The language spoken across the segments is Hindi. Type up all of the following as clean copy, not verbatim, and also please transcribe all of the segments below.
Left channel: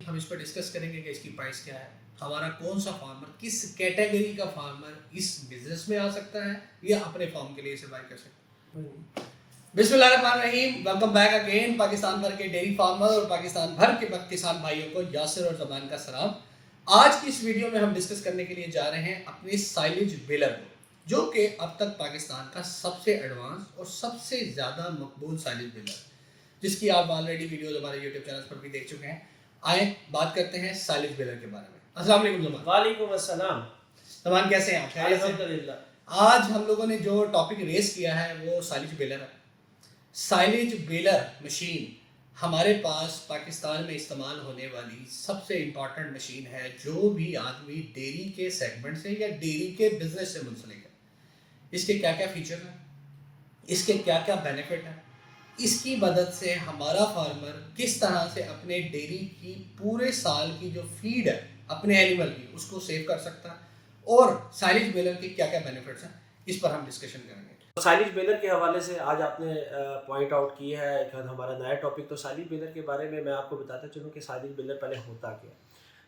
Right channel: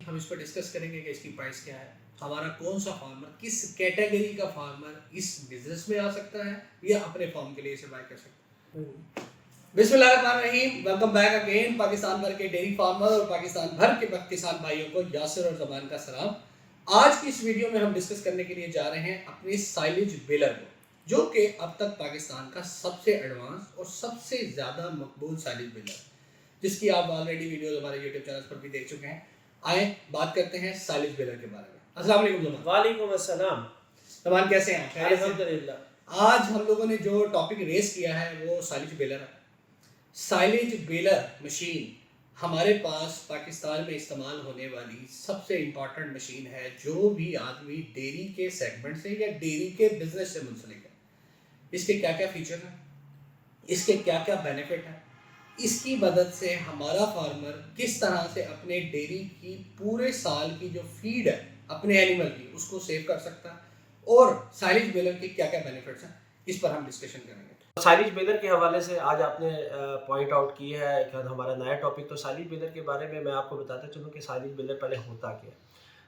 हम इस पर डिस्कस करेंगे कि इसकी प्राइस क्या है, हमारा कौन सा फार्मर, किस कैटेगरी का फार्मर इस बिजनेस में आ सकता है या अपने फार्म के लिए इसे बाय कर सकता है। बिस्मिल्लाहिर्रहमानिर्रहीम, वेलकम बैक अगेन। पाकिस्तान भर के डेयरी फार्मर और पाकिस्तान भर के किसान भाइयों को यासिर और जमान का सलाम। आज की इस वीडियो में हम डिस्कस करने के लिए जा रहे हैं अपने साइलेज बेलर को, जो कि अब तक पाकिस्तान का सबसे एडवांस और सबसे ज़्यादा मकबूल साइलेज बेलर, जिसकी आप ऑलरेडी वीडियोस हमारे यूट्यूब चैनल पर भी देख चुके हैं। आए बात करते हैं साइलेज बेलर के बारे में। अस्सलाम वालेकुम जमान। वालेकुम अस्सलाम। जमान कैसे हैं आप? खैरियत से? अल्हम्दुलिल्लाह। आज हम लोगों ने जो टॉपिक रेस किया है वो साइलेज बेलर है। साइलेज बेलर मशीन हमारे पास पाकिस्तान में इस्तेमाल होने वाली सबसे इम्पॉर्टेंट मशीन है, जो भी आदमी डेयरी के सेगमेंट से या डेयरी के बिजनेस से मुंसलिक है। इसके क्या क्या फीचर हैं, इसके क्या क्या बेनिफिट हैं, इसकी मदद से हमारा फार्मर किस तरह से अपने डेयरी की पूरे साल की जो फीड है अपने एनिमल की उसको सेव कर सकता है, और साइलेज बेलर के क्या क्या बेनिफिट्स हैं इस पर हम डिस्कशन करेंगे। साइलेज बेलर के हवाले से आज आपने पॉइंट आउट किया है कि हमारा नया टॉपिक। तो साइलेज बेलर के बारे में मैं आपको बताता चलूँ कि साइलेज बेलर पहले होता क्या है।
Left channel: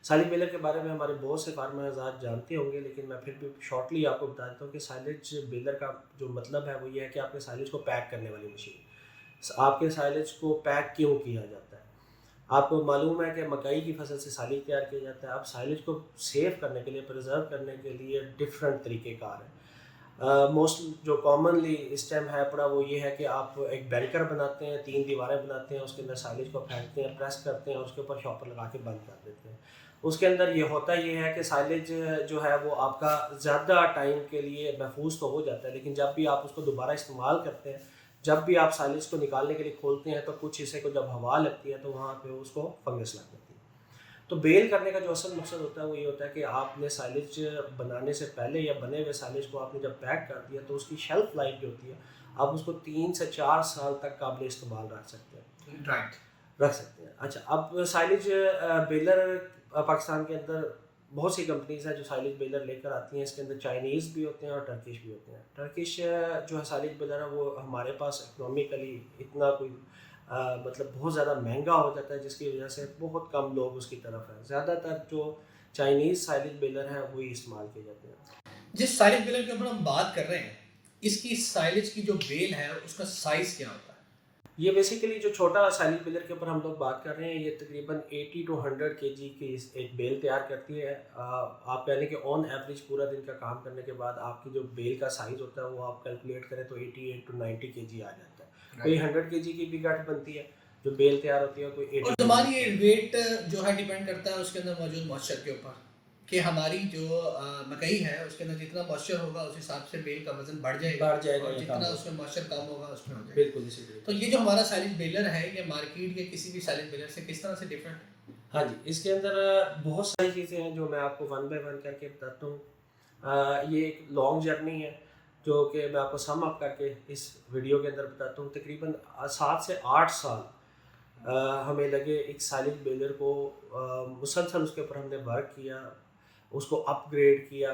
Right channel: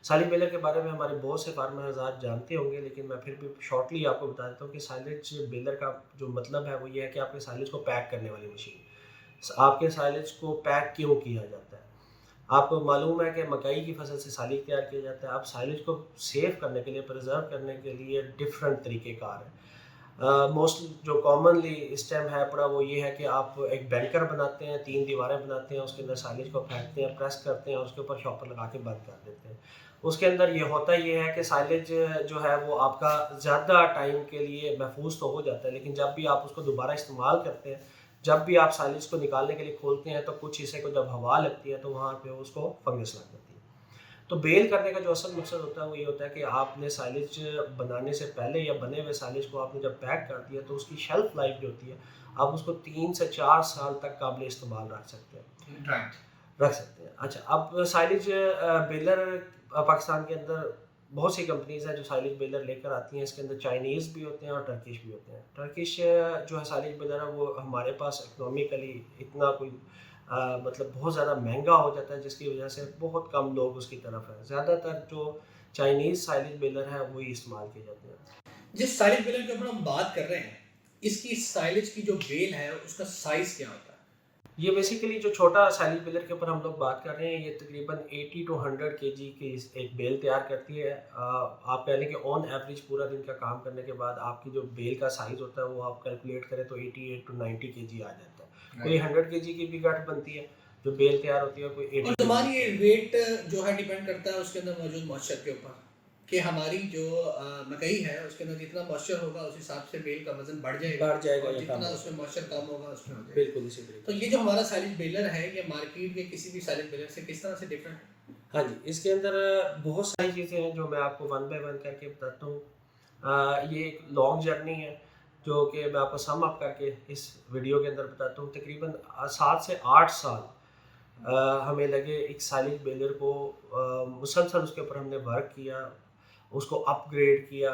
साइलेज बेलर के बारे में हमारे बहुत से फार्मर हज़ार जानते होंगे, लेकिन मैं फिर भी शॉर्टली आपको बता देता हूँ कि साइलेज बेलर का जो मतलब है वो ये है कि आपके साइलेज को पैक करने वाली मशीन। आपके साइलेज को पैक क्यों किया जाता है? आपको मालूम है कि मकई की फसल से साइलेज तैयार किया जाता है। आप साइलेज को सेव करने के लिए, प्रिजर्व करने के लिए डिफरेंट तरीक़ेकार हैं। मोस्ट जो कॉमनली इस टाइम है पड़ा वो ये है कि आप एक बैंकर बनाते हैं, 3 दीवारें बनाते हैं, उसके अंदर साइलेज को फेंकते हैं, प्रेस करते हैं, उसके ऊपर शॉपर लगा के बंद कर देते हैं। उसके अंदर ये होता ये है कि साइलेज जो है वो आपका ज़्यादा टाइम के लिए महफूज तो हो जाता है, लेकिन जब भी आप उसको दोबारा इस्तेमाल करते हैं, जब भी आप साइलेज को निकालने के लिए खोलते हैं तो कुछ हिस्से को जब हवा लगती है तो वहाँ पे उसको फंगस लग जाती है। तो बेल करने का जो असल मकसद होता है वो ये होता है कि आपने साइलेज बनाने से पहले या बने हुए साइलेज को आपने जब पैक कर दिया तो उसकी शेल्फ लाइफ जो होती है, आप उसको 3 से 4 साल तक काबिल इस्तेमाल रख सकते हैं। रख सकते हैं। अच्छा, अब साइलेज बेलर पाकिस्तान के अंदर बहुत सी कंपनीज हैं जो साइलेज बेलर लेकर आती हैं। इसके अंदर चाइनीज़ भी होते हैं और टर्किश भी होते हैं। टर्किश जो है साइलेज बेलर है वो हमारे पास इकोनॉमिकली इतना कोई मतलब बहुत ज़्यादा महंगा हो जाता है, जिसकी वजह से बहुत कम लोग उसकी तरफ हैं। ज़्यादातर जो चाइनीज़ साइलेज बेलर हैं वही इस्तेमाल किए जाते हैं। जिस साइलेज बेलर के ऊपर हम बात कर रहे हैं, इसकी साइलेज की जो बेल है उसका साइज क्या होता है? ये बेसिकली जो छोटा साइलेज बेलर के ऊपर हम लोग बात कर रहे हैं, ये तकरीबन 80 टू 100 केजी की एक बेल तैयार करती है। आप यानी कि ऑन एवरेज पूरा दिन का काम करने के बाद आपकी जो बेल का साइज़ होता है वो आप कैलकुलेट करें तो 88 टू 90 केजी आ जाता है। कोई 100 केजी की भी गठ बनती है जो बेल तैयार होती है, कोई 80 और हमारी ये वेट जो है डिपेंड करता है उसके अंदर मौजूद मॉइस्चर के ऊपर, कि हमारी जो मकई है उसके अंदर जितना मॉइस्चर होगा उस हिसाब से बेल का वजन बढ़ जाएगा बढ़ जाएगा और या जितना कम उसमें मॉइस्चर कम होगा उसमें हो जाएगा। बिल्कुल इसी तरीके। तो ये जो हमारा साइलेज बेलर है ये मार्केट के किसी भी साइलेज बेलर से किस तरह से डिफरेंट है? हाँ जी, इसके अंदर बहुत सारी चीज़ें हैं जो मैं आपको वन बाय वन करके बताता हूँ। ये एक लॉन्ग जर्नी है जो कि मैं आपको सम अप करके इस वीडियो के अंदर बताता हूँ। तकरीबन 7 से 8 साल हमें लगे एक साइलेज बेलर को, मुसलसल उसके ऊपर हमने वर्क किया, उसको अपग्रेड किया।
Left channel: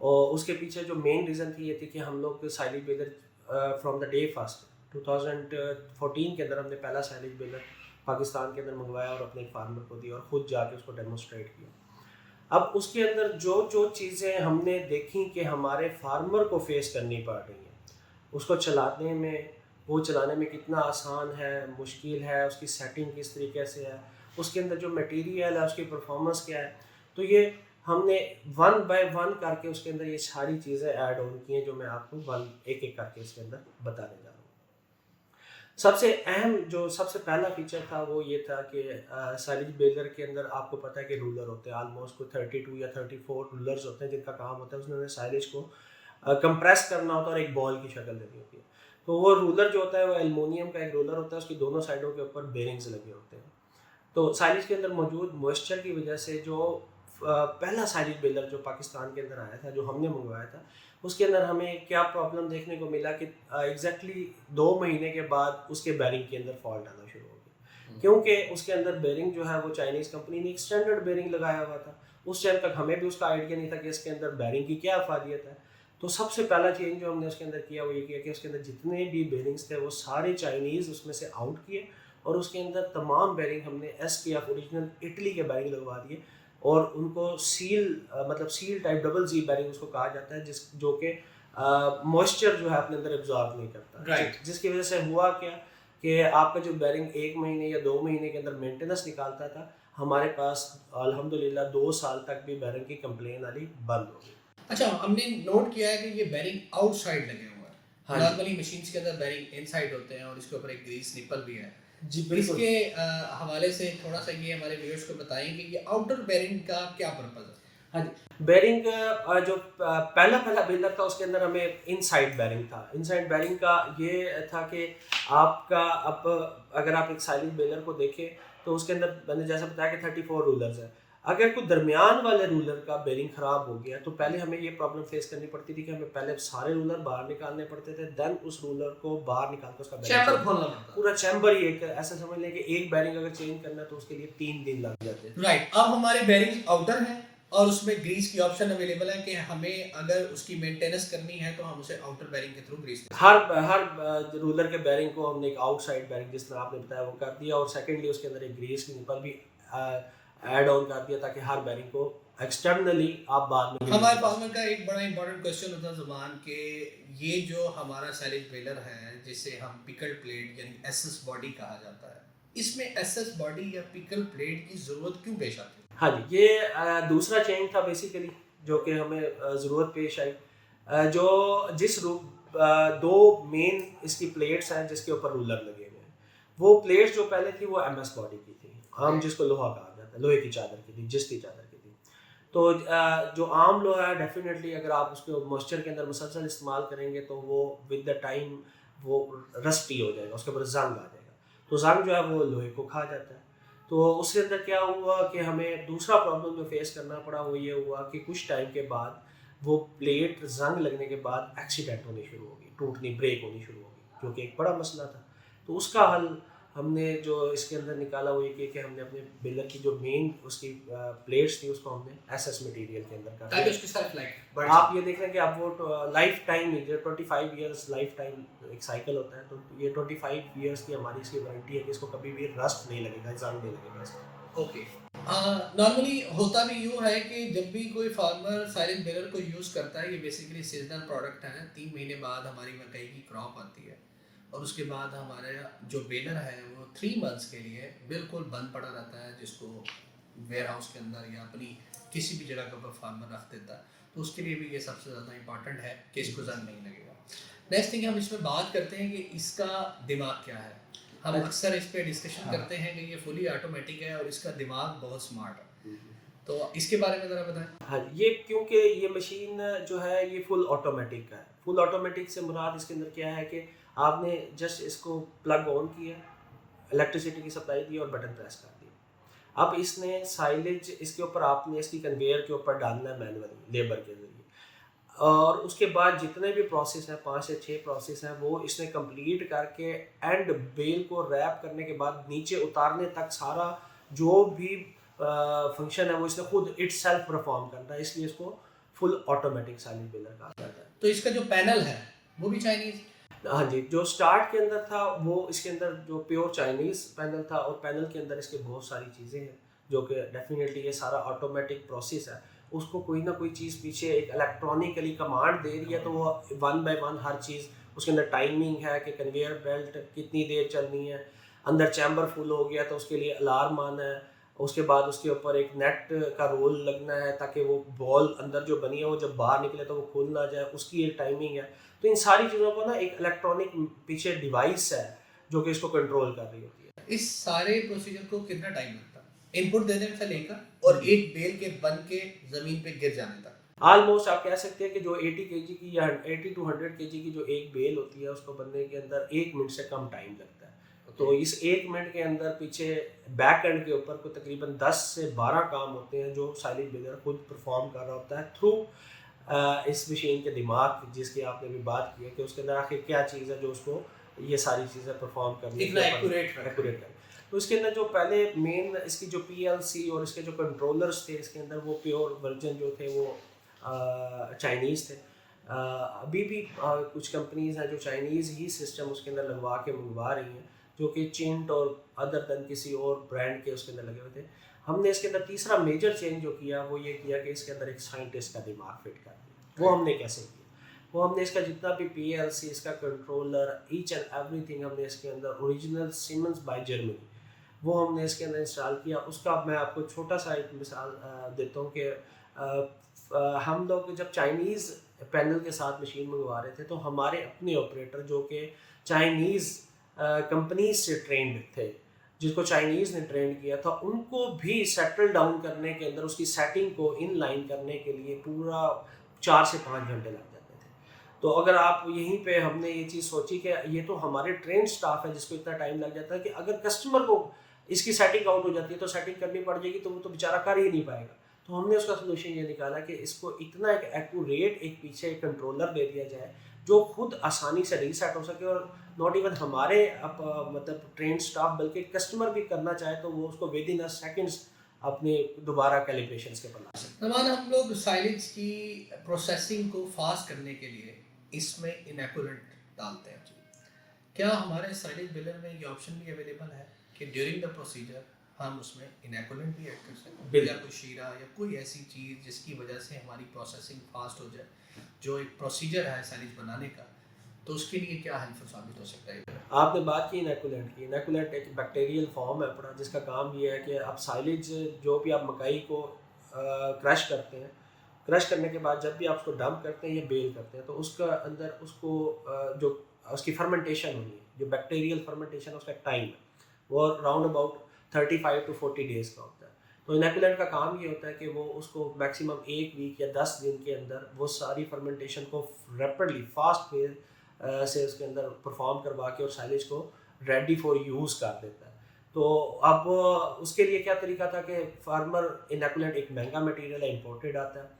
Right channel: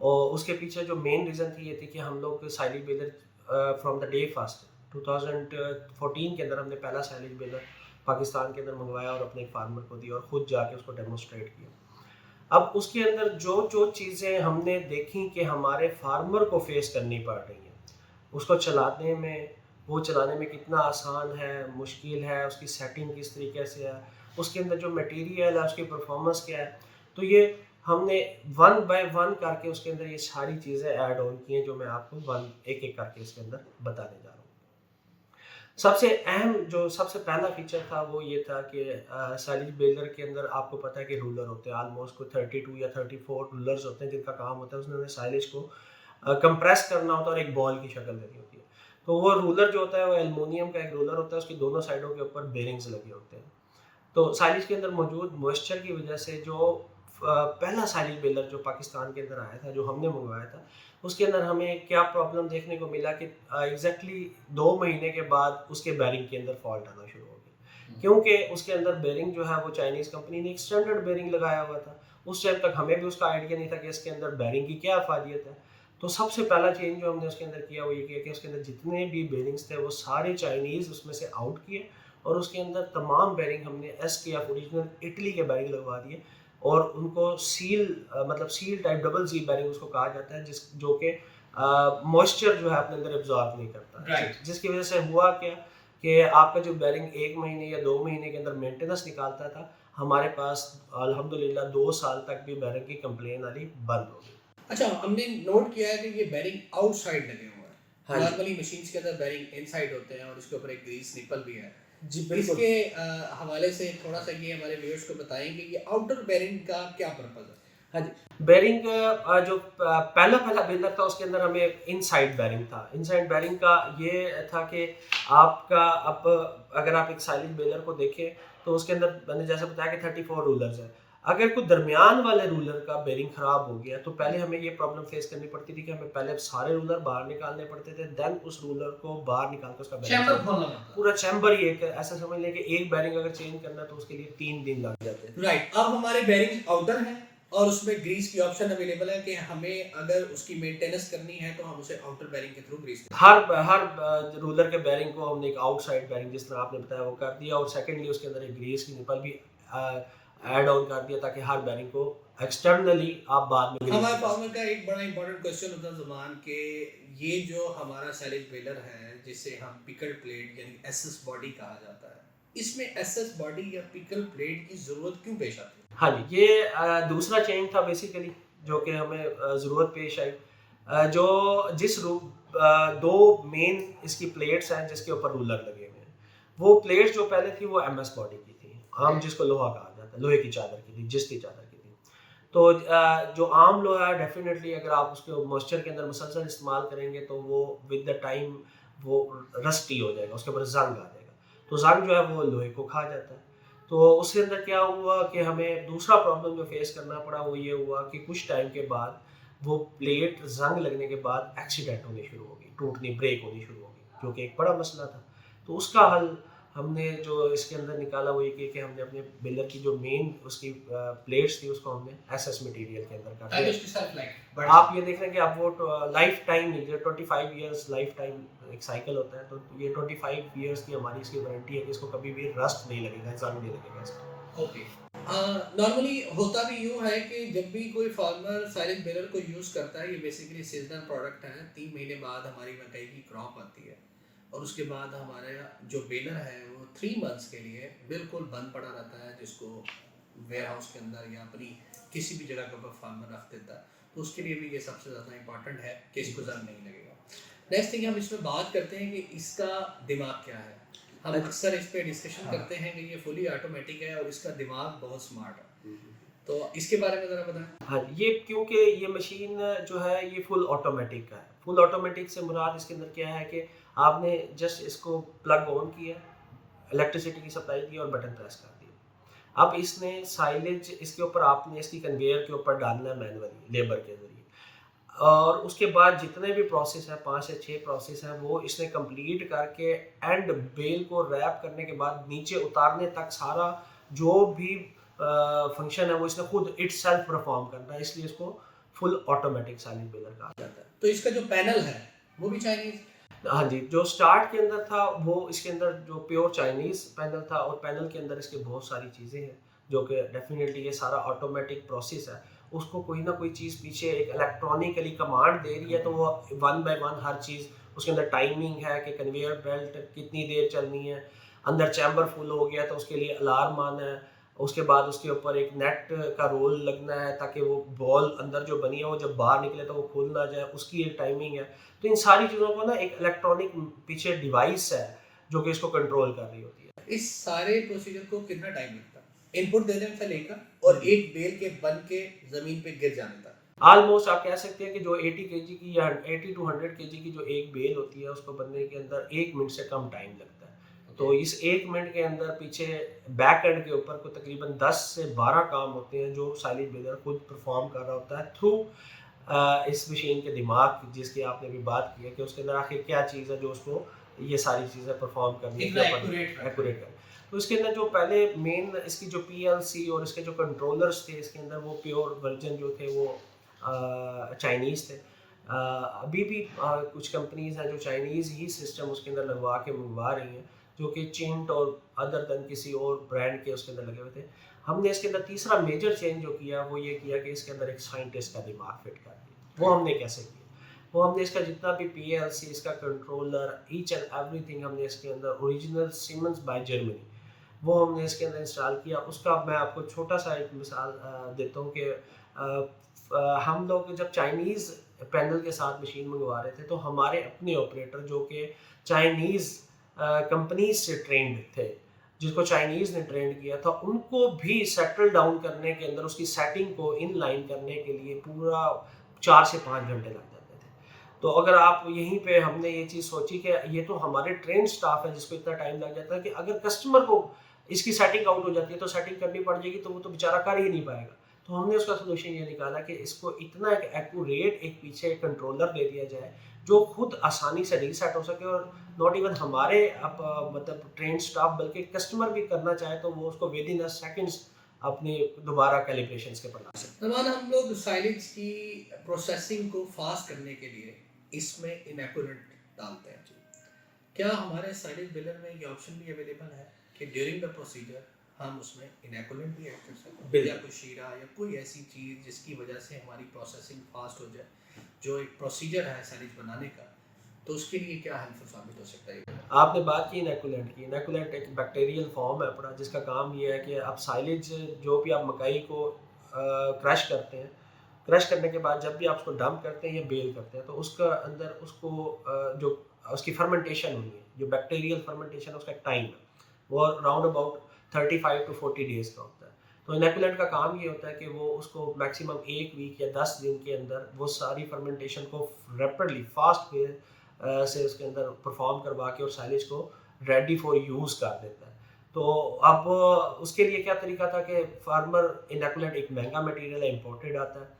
और उसके पीछे जो मेन रीज़न थी ये थी कि हम लोग silage baler from the day first 2014 के अंदर हमने पहला साइलेज बेलर पाकिस्तान के अंदर मंगवाया और अपने एक फार्मर को दिया और ख़ुद जाके उसको डेमोस्ट्रेट किया। अब उसके अंदर जो जो चीज़ें हमने देखी कि हमारे फार्मर को फेस करनी पड़ रही हैं, उसको चलाने में, वो चलाने में कितना आसान है, मुश्किल है, उसकी सेटिंग किस तरीके से है, उसके अंदर जो मटेरियल है उसकी परफॉर्मेंस क्या है, तो ये हमने वन बाय वन करके उसके अंदर ये सारी चीज़ें ऐड ऑन की हैं जो मैं आपको एक एक करके उसके अंदर बताने जा रहा हूँ। सबसे अहम जो सबसे पहला फीचर था वो ये था कि साइलेज बेलर के अंदर आपको पता है कि रूलर होते हैं, आलमोस्ट कोई 32 या 34 रूलर्स होते हैं जिनका काम होता है उसने साइलेज को कंप्रेस करना होता है और एक बॉल की शक्ल देनी होती है। तो वो रूलर जो होता है वो एल्युमिनियम का एक रूलर होता है, उसकी दोनों साइडों के ऊपर बेरिंग्स लगे होते हैं। तो साइलेज के अंदर मौजूद मॉइस्चर की वजह से जो पहला साइलेज बेलर जो पाकिस्तान के अंदर आया था, जो हमने मंगवाया था, उसके अंदर हमें क्या प्रॉब्लम देखने को मिला कि एग्जैक्टली 2 महीने के बाद उसके बेरिंग के अंदर फॉल्ट आना शुरू हो गया, क्योंकि उसके अंदर बेरिंग जो है वो चाइनीज़ कंपनी ने एक स्टैंडर्ड बेरिंग लगाया हुआ था। उस टाइम तक हमें भी उसका आइडिया नहीं था कि इसके अंदर बेरिंग की क्या अफादियत है। तो सबसे पहला चेंज जो हमने उसके अंदर किया वो ये किया कि उसके अंदर जितने भी बेरिंग्स थे वो सारे चाइनीज़ उसमें से आउट किए और उसके अंदर तमाम बेरिंग हमने SKF ओरिजिनल इटली के बेरिंग लगवा दिए और उनको मतलब seal type double seal bearing उसको कहा जाता है, जो कि मॉइस्चर जो है अपने अंदर एब्जॉर्ब नहीं करता। Right. जिसकी वजह से हुआ क्या कि आपका जो बेरिंग 1 महीने या 2 महीने के अंदर मेंटेनेंस निकालता था, हमारे पास अल्हम्दुलिल्लाह 2 साल तक भी बेरिंग की कंप्लेन आनी बंद हो गई। अच्छा, हमने नोट किया है कि ये बेरिंग आउटसाइड लगे हुए हैं। हाँ जी। नॉर्मली मशीन्स के अंदर बेरिंग इनसाइड होते हैं और इसके ऊपर एक ग्रीस निपल भी है। जी इसके हवाले से थोड़ा सा ये हमारे व्यूअर्स को बताएं कि ये आउटर बेरिंग का क्या पर्पस है। हाँ जी, बेरिंग जो पहला बेलर था उसके अंदर हमें इनसाइड बेरिंग था। इनसाइड बेरिंग का ये था कि आपका अब अगर आप एक साइलेज बेलर को देखें तो उसके अंदर मैंने जैसा बताया कि 34 रूलर्स हैं। अगर कोई दरमियान वाले रूलर का बेरिंग ख़राब हो गया तो पहले हमें ये प्रॉब्लम फेस करनी पड़ती थी कि हमें पहले सारे रूलर बाहर निकालने पड़ते थे, देन उस रूलर को बाहर निकाल कर उसका चैम्बर खोलना पड़ता है। पूरा चैम्बर ही एक ऐसा समझ लें कि एक बेरिंग अगर चेंज करना है तो उसके लिए 3 दिन लग जाते हैं। राइट, अब हमारे बेरिंग आउटर हैं और उसमें ग्रीस की ऑप्शन अवेलेबल है कि हमें अगर उसकी मेंटेनेंस करनी है तो हम उसे आउटर बेरिंग के थ्रू ग्रीस दें। हर रूलर के बेरिंग को हमने एक आउटसाइड बेरिंग जिस तरह आपने बताया वो कर दिया और सेकेंडली उसके अंदर एक ग्रीस की निपल भी ऐड ऑन कर दिया ताकि हर बेरिंग को एक्सटर्नली आप बाद में हमारे फार्मर का एक बड़ा इंपॉर्टेंट क्वेश्चन होता है जुबान के, ये जो हमारा सैलेज बेलर है जिसे हम पिकल प्लेट यानी एसएस बॉडी कहा जाता है, इसमें एसएस बॉडी या पिकल प्लेट की जरूरत क्यों पेश आती है? हाँ जी, ये दूसरा चेंज था बेसिकली जो कि हमें ज़रूरत पेश आई। जो जिस रूप दो मेन इसकी प्लेट्स हैं जिसके ऊपर रूलर लगे हुए हैं, वो प्लेट्स जो पहले थी वो MS बॉडी की थी, आम जिसको लोहा कहा जाता है, लोहे की चादर की थी, जिसकी चादर की थी। तो जो आम लोहा है डेफिनेटली अगर आप उसको मॉइस्चर के अंदर मुसलसल इस्तेमाल करेंगे तो वो विद द टाइम वो रस्टी हो जाएगा, उसके ऊपर जंग आ जाएगा। तो जंग जो है वो लोहे को खा जाता है। तो उसके अंदर क्या हुआ कि हमें दूसरा प्रॉब्लम जो फेस करना पड़ा वो ये हुआ कि कुछ टाइम के बाद वो प्लेट जंग लगने के बाद एक्सीडेंट होनी शुरू हो गई, टूटनी ब्रेक होनी शुरू हो गई, जो कि एक बड़ा मसला था। तो उसका हल हमने जो इसके अंदर निकाला वो ये कि हमने अपने बेलर की जो मेन उसकी प्लेट्स थी उसको हमने SS मटेरियल के अंदर कर ताकि दिया। उसकी सेल्फ लाइफ आप ये देख रहे हैं कि आप वो लाइफ टाइम जो 25 इयर्स लाइफ टाइम एक साइकिल होता है, तो ये 25 इयर्स की हमारी इसकी वारंटी है कि इसको कभी भी रस्ट नहीं लगेगा, जंग नहीं लगेगा इसको। ओके। नॉर्मली होता भी यूँ है कि जब भी कोई फार्मर साइलेज बेलर को यूज़ करता है, ये बेसिकली सीजनल प्रोडक्ट है। 3 महीने बाद हमारी मकई की क्रॉप आती है और उसके बाद हमारा जो बेलर है वो 3 मंथ्स के लिए बिल्कुल बंद पड़ा रहता है, जिसको वेयर हाउस के अंदर या अपनी किसी भी जगह के ऊपर फार्मर रख देता है। तो उसके लिए भी ये सबसे ज़्यादा इंपॉर्टेंट है कि इसको जंग नहीं लगेगा। नेक्स्ट थिंग हम इसमें बात करते हैं कि इसका दिमाग क्या है। हम अक्सर इस पे डिस्कशन करते हैं कि ये फुली ऑटोमेटिक है और इसका दिमाग बहुत स्मार्ट है, तो इसके बारे में ज़रा बताएं। हाँ, ये क्योंकि ये मशीन जो है ये फुल ऑटोमेटिक का है। फुल ऑटोमेटिक से मुराद इसके अंदर क्या है कि आपने जस्ट इसको प्लग ऑन किया, इलेक्ट्रिसिटी की सप्लाई दी और बटन प्रेस कर दिया। अब इसने साइलेज इसके ऊपर आपने इसकी कन्वेयर के ऊपर डालना है मैनुअली लेबर के ज़रिए, और उसके बाद जितने भी प्रोसेस हैं 5 से 6 प्रोसेस हैं वो इसने कंप्लीट करके एंड बेल को रैप करने के बाद नीचे उतारने तक सारा जो भी फंक्शन है वो इसने खुद इटसेल्फ परफॉर्म करना है, इसलिए इसको फुल ऑटोमेटिक साइलेज बेलर कहा जाता है। तो इसका जो पैनल है वो भी चाइनीज़। हाँ जी, जो स्टार्ट के अंदर था वो इसके अंदर जो प्योर चाइनीज़ पैनल था और पैनल के अंदर इसके बहुत सारी चीज़ें हैं जो कि डेफिनेटली ये सारा ऑटोमेटिक प्रोसेस है, उसको कोई ना कोई चीज़ पीछे एक इलेक्ट्रॉनिकली कमांड दे रही है, तो वो 1 बाय 1 हर चीज़ उसके अंदर टाइमिंग है कि कन्वेयर बेल्ट कितनी देर चलनी है, अंदर चैम्बर फुल हो गया तो उसके लिए अलार्म आना है, उसके बाद उसके ऊपर एक नेट का रोल लगना है ताकि वो बॉल अंदर जो बनी है वो जब बाहर निकले तो वो खुल ना जाए, उसकी एक टाइमिंग है। तो इन सारी चीज़ों को ना एक इलेक्ट्रॉनिक पीछे डिवाइस है जो कि इसको कंट्रोल कर रही होती है। इस सारे प्रोसीजर को कितना टाइम लगता है इनपुट देने से लेकर और एक बेल के बन के जमीन पे गिर जाने तक? ऑलमोस्ट आप कह सकते हैं कि जो 80 केजी की या 80 to 100 केजी की जो एक बेल होती है उसको बनने के अंदर 1 मिनट से कम टाइम लगता है। तो इस 1 मिनट के अंदर पीछे बैक एंड के ऊपर को तकरीबन 10 से 12 काम होते हैं जो साइलेज बेलर खुद परफॉर्म कर रहा होता है थ्रू इस मशीन के दिमाग, जिसकी आपने भी बात की है कि उसके अंदर आखिर क्या चीज़ है जो उसको ये सारी चीज़ें परफॉर्म करने के ऊपर एक्यूरेट कर। तो इसके अंदर जो पहले मेन इसकी जो PLC और इसके जो कंट्रोलर्स थे इसके अंदर वो प्योर वर्जन जो थे वो चाइनीज़ थे। अभी भी कुछ कंपनीज़ हैं जो चाइनीज़ ही सिस्टम उसके अंदर लगवा के मंगवा रही हैं जो कि चिंट और अदर देन किसी और ब्रांड के उसके अंदर लगे हुए थे। हमने इसके अंदर तीसरा मेजर चेंज जो किया वो ये किया कि इसके अंदर एक साइंटिस्ट का दिमाग फिट कर दिया। वो हमने कैसे किया? वो हमने इसका जितना भी पीएलसी, इसका कंट्रोलर, ईच एंड एवरीथिंग हमने इसके अंदर ओरिजिनल सीमेंस बाय जर्मनी वो हमने इसके अंदर इंस्टॉल किया। उसका मैं आपको छोटा सा एक मिसाल देता हूँ कि हम लोग जब चाइनीज़ पैनल के साथ मशीन मंगवा रहे थे तो हमारे अपने ऑपरेटर जो कि चाइनीज़ कंपनीज से ट्रेंड थे, जिसको चाइनीज़ ने ट्रेंड किया था, उनको भी सेटल डाउन करने के अंदर उसकी सेटिंग को इन लाइन करने के लिए पूरा 4 से 5 घंटे लग जाते थे। तो अगर आप यहीं पे हमने ये चीज़ सोची कि ये तो हमारे ट्रेंड स्टाफ है जिसको इतना टाइम लग जाता है कि अगर कस्टमर को इसकी सेटिंग आउट हो जाती है तो सेटिंग करनी पड़ जाएगी, तो वो तो बेचारा कर ही नहीं पाएगा। तो हमने उसका सोल्यूशन ये निकाला कि इसको इतना एक एक्यूरेट एक पीछे एक कंट्रोलर दे दिया जाए जो खुद आसानी से रीसेट हो सके, और नॉट इवन हमारे मतलब ट्रेन स्टाफ बल्कि कस्टमर भी करना चाहे तो वो उसको विद इन अ सेकंड्स अपने दोबारा कैलिब्रेशंस के बना सकते नमान, हम लोग साइलेज की प्रोसेसिंग को फास्ट करने के लिए इसमें इनएक्यूरेट डालते हैं। क्या हमारे साइलेज बिलर में ये ऑप्शन भी अवेलेबल है कि ड्यूरिंग द प्रोसीजर हम उसमें इनएक्यूरेट भी ऐड कर सकते हैं, या कोई शीरा या कोई ऐसी चीज़ जिसकी वजह से हमारी प्रोसेसिंग फास्ट हो जाए, जो एक प्रोसीजर है साइलेज बनाने का, तो उसके लिए क्या हेल्पफुल साबित हो सकता है? आपने बात की इनएक्यूलेंट की। इनएक्यूलेंट एक बैक्टीरियल फॉर्म है अपना, जिसका काम ये है कि आप साइलेज जो भी आप मकई को क्रश करते हैं, क्रश करने के बाद जब भी आप उसको डंप करते हैं या बेल करते हैं तो उसका अंदर उसको जो उसकी फर्मेंटेशन होनी है, जो बैक्टीरियल फर्मेंटेशन उसका एक टाइम है, वो राउंड अबाउट 35 to 40 डेज़ का होता है। तो इनएक्यूलेंट का काम ये होता है कि वो उसको मैक्सिमम 1 वीक या 10 दिन के अंदर वो सारी फर्मेंटेशन को रैपिडली फास्ट वे से उसके अंदर परफॉर्म करवा के और साइलेज को रेडी फॉर यूज़ कर देता है। तो अब उसके लिए क्या तरीका था कि फार्मर इनएक्यूलेंट एक महंगा मटेरियल है, इंपोर्टेड आता है,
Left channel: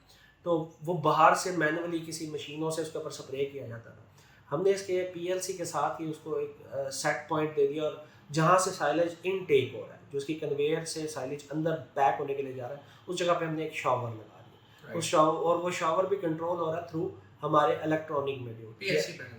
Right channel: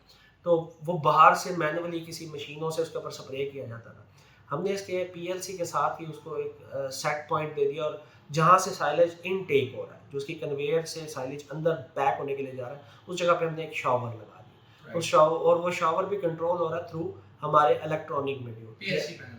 तो वो बाहर से मैनुअली किसी मशीनों से उसके ऊपर स्प्रे किया जाता था। हमने इसके पीएलसी के साथ ही उसको एक सेट पॉइंट दे दिया, और जहाँ से साइलेज इनटेक हो रहा है, जो उसकी कन्वेयर से साइलेज अंदर पैक होने के लिए जा रहा है, उस जगह पे हमने एक शावर लगा दिया। उस शावर, और वो शावर भी कंट्रोल हो रहा है थ्रू हमारे इलेक्ट्रॉनिक मीडियम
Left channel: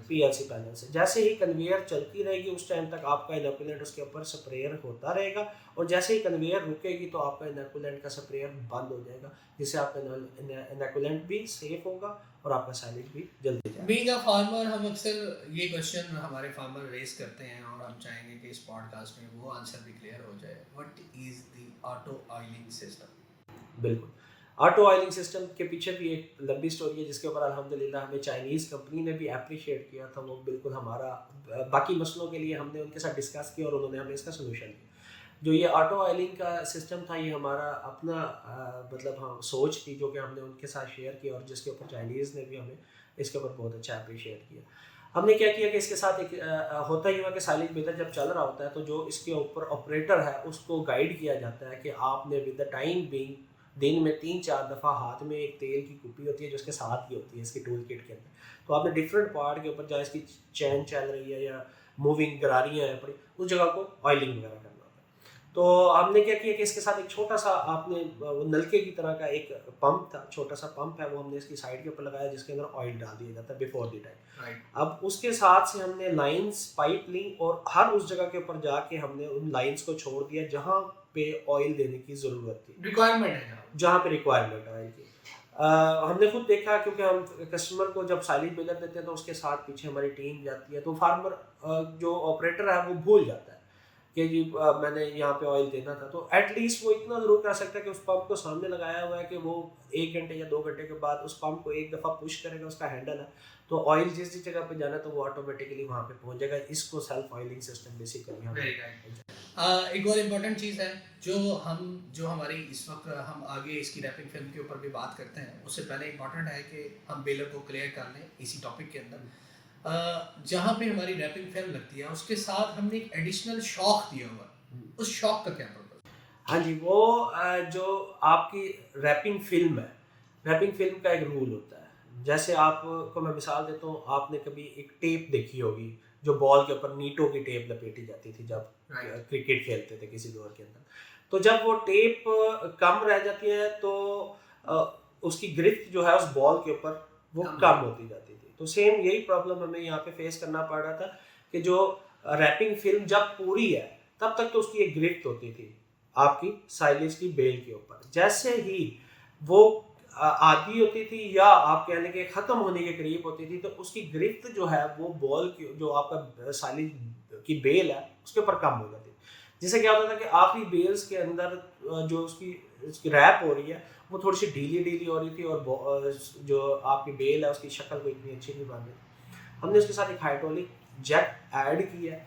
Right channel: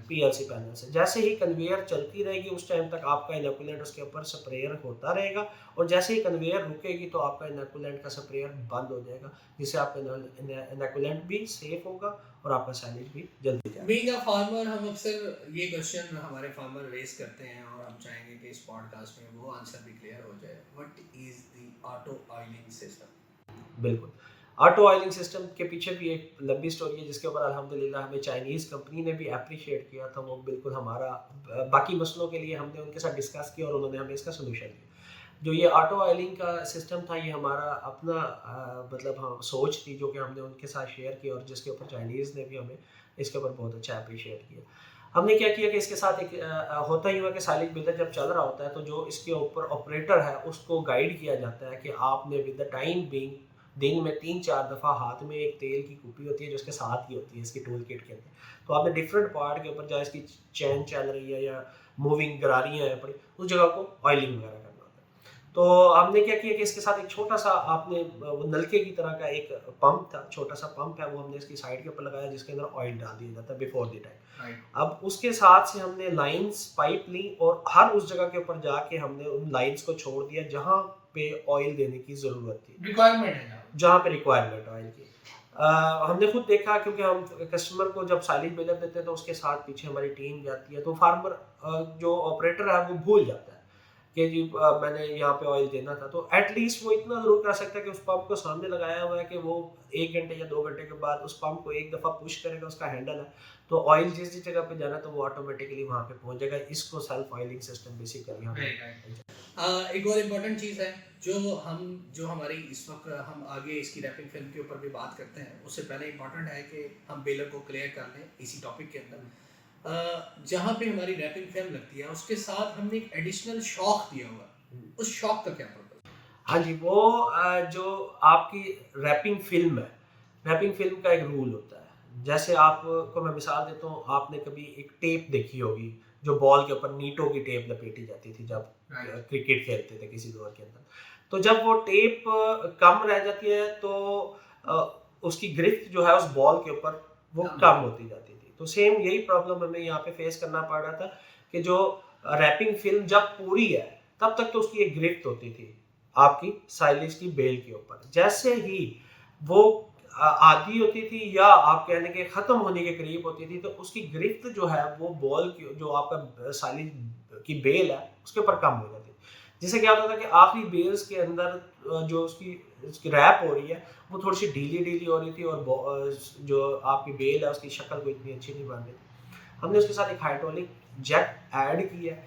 पीएलसी पैनल से। जैसे ही कन्वेयर चलती रहेगी उस टाइम तक आपका इनएक्यूलेंट उसके ऊपर स्प्रेयर होता रहेगा, और जैसे ही कन्वेयर रुकेगी तो आपका इनएक्यूलेंट का स्प्रेयर बंद हो जाएगा, जिससे आपका इनएक्यूलेंट भी सेफ होगा और आपका साइलेज भी जल्दी जाएगा। बीइंग अ फार्मर, हम अक्सर ये क्वेश्चन हमारे फार्मर रेस करते हैं और हम चाहेंगे कि इस पॉडकास्ट में वो आंसर भी क्लियर हो जाए। What is the auto oiling system? बिल्कुल, ऑटो ऑयलिंग सिस्टम के पीछे भी एक लंबी स्टोरी है जिसके ऊपर अल्हम्दुलिल्लाह हमें चाइनीज़ कंपनी ने भी अप्रिशिएट किया था। वो बिल्कुल हमारा बाकी मसलों के लिए हमने उनके साथ डिस्कस किया और उन्होंने हमें इसका सोल्यूशन दिया। जो ये ऑटो ऑयलिंग का सिस्टम था, ये हमारा अपना मतलब हम सोच थी जो कि हमने उनके साथ शेयर की, और जिसके ऊपर चाइनीज़ ने भी हमें इसके ऊपर बहुत अच्छा अप्रिशिएट किया। हमने क्या किया कि इसके साथ एक होता ही हुआ कि साइलेज बेदर जब चल रहा होता है तो जो इसके ऊपर ऑपरेटर है उसको गाइड किया जाता है कि आपने विद द टाइम बीइंग दिन में 3-4 दफ़ा हाथ में एक तेल की कुप्पी होती है जो इसके साथ ही होती है इसकी टूल किट के अंदर, तो आपने डिफरेंट पार्ट के ऊपर जहाँ इसकी चैन चल रही है या मूविंग गरारियाँ हैं पड़ी, उस जगह को ऑयलिंग वगैरह करना होता है। तो हमने क्या किया कि इसके साथ एक छोटा सा आपने वो नलके की तरह का एक पंप था, छोटा सा पंप है, वो हमने इसकी साइड के ऊपर लगाया जिसके अंदर ऑयल डाल दिया जाता है बिफोर द टाइम। अब उसके साथ से हमने लाइंस पाइप ली और हर उस जगह के ऊपर जाके हमने उन लाइंस को छोड़ दिया जहाँ पे ऑयल देने की ज़रूरत थी, रिक्वायरमेंट है जहाँ पे रिक्वायरमेंट ऑयल की। हमने खुद देखा, क्योंकि हम कस्टमर को जब साइलेज बेलर देते हैं तो उसके साथ पीछे हमारी टीम जाती है, तो फार्मर जो ऑपरेटर है वो भूल जाता है कि जी मैंने यहाँ पे ऑयल देना था। तो एटलीस्ट वो इतना ज़रूर कर सकता है कि उस पंप को सामने लगाया हुआ है कि वो 1 घंटे या 2 घंटे के बाद उस पंप को एक दफ़ा पुश करेगा, उसका हैंडल है, तो ऑयल जिस जगह पे जाना तो वो ऑटोमेटिकली वहाँ पे पहुँच जाएगा। इसको सेल्फ ऑयलिंग सिस्टम बेसिकली हम एक और इम्पोर्टेंट चीज़ है जो हमारी इस वक्त हम आगे इसकी रैपिंग फिल्म के ऊपर भी बात करते हैं, उससे पहले इम्पोर्टेंट है कि हम बेलर को क्लियर कर लें इसी टॉपिक के अंदर। जहाँ पे हमारी रैपिंग फिल्म लगती है उसके साथ हमने एक एडिशनल शॉक दिया हुआ है, उस शॉक का क्या पर्पस? हाँ जी, वो जो आपकी रैपिंग फिल्म है, रैपिंग फिल्म का एक रूल होता है। जैसे आपको मैं मिसाल देता हूँ, आपने कभी एक टेप देखी होगी जो बॉल के ऊपर नीटों की टेप लपेटी जाती थी जब क्रिकेट खेलते थे किसी दौर के अंदर। तो जब वो टेप कम रह जाती है तो उसकी ग्रिप जो है उस बॉल के ऊपर वो कम होती जाती थी। तो सेम यही प्रॉब्लम हमें यहाँ पे फेस करना पड़ रहा था कि जो रैपिंग फिल्म जब पूरी है तब तक तो उसकी एक गिरफ्त होती थी आपकी साइलेज की बेल के ऊपर। जैसे ही वो आधी होती थी या आप कहने के ख़त्म होने के करीब होती थी तो उसकी गिरफ्त जो है वो बॉल की जो आपका साइलेज की बेल है उसके ऊपर कम हो जाती। जिससे क्या होता था कि आखिरी बेल्स के अंदर जो उसकी रैप हो रही है वो थोड़ी सी ढीली ढीली हो रही थी और जो आपकी बेल है उसकी शक्ल को इतनी अच्छी नहीं बन रही थी। हमने उसके साथ एक हाइड्रोलिक जेट ऐड की है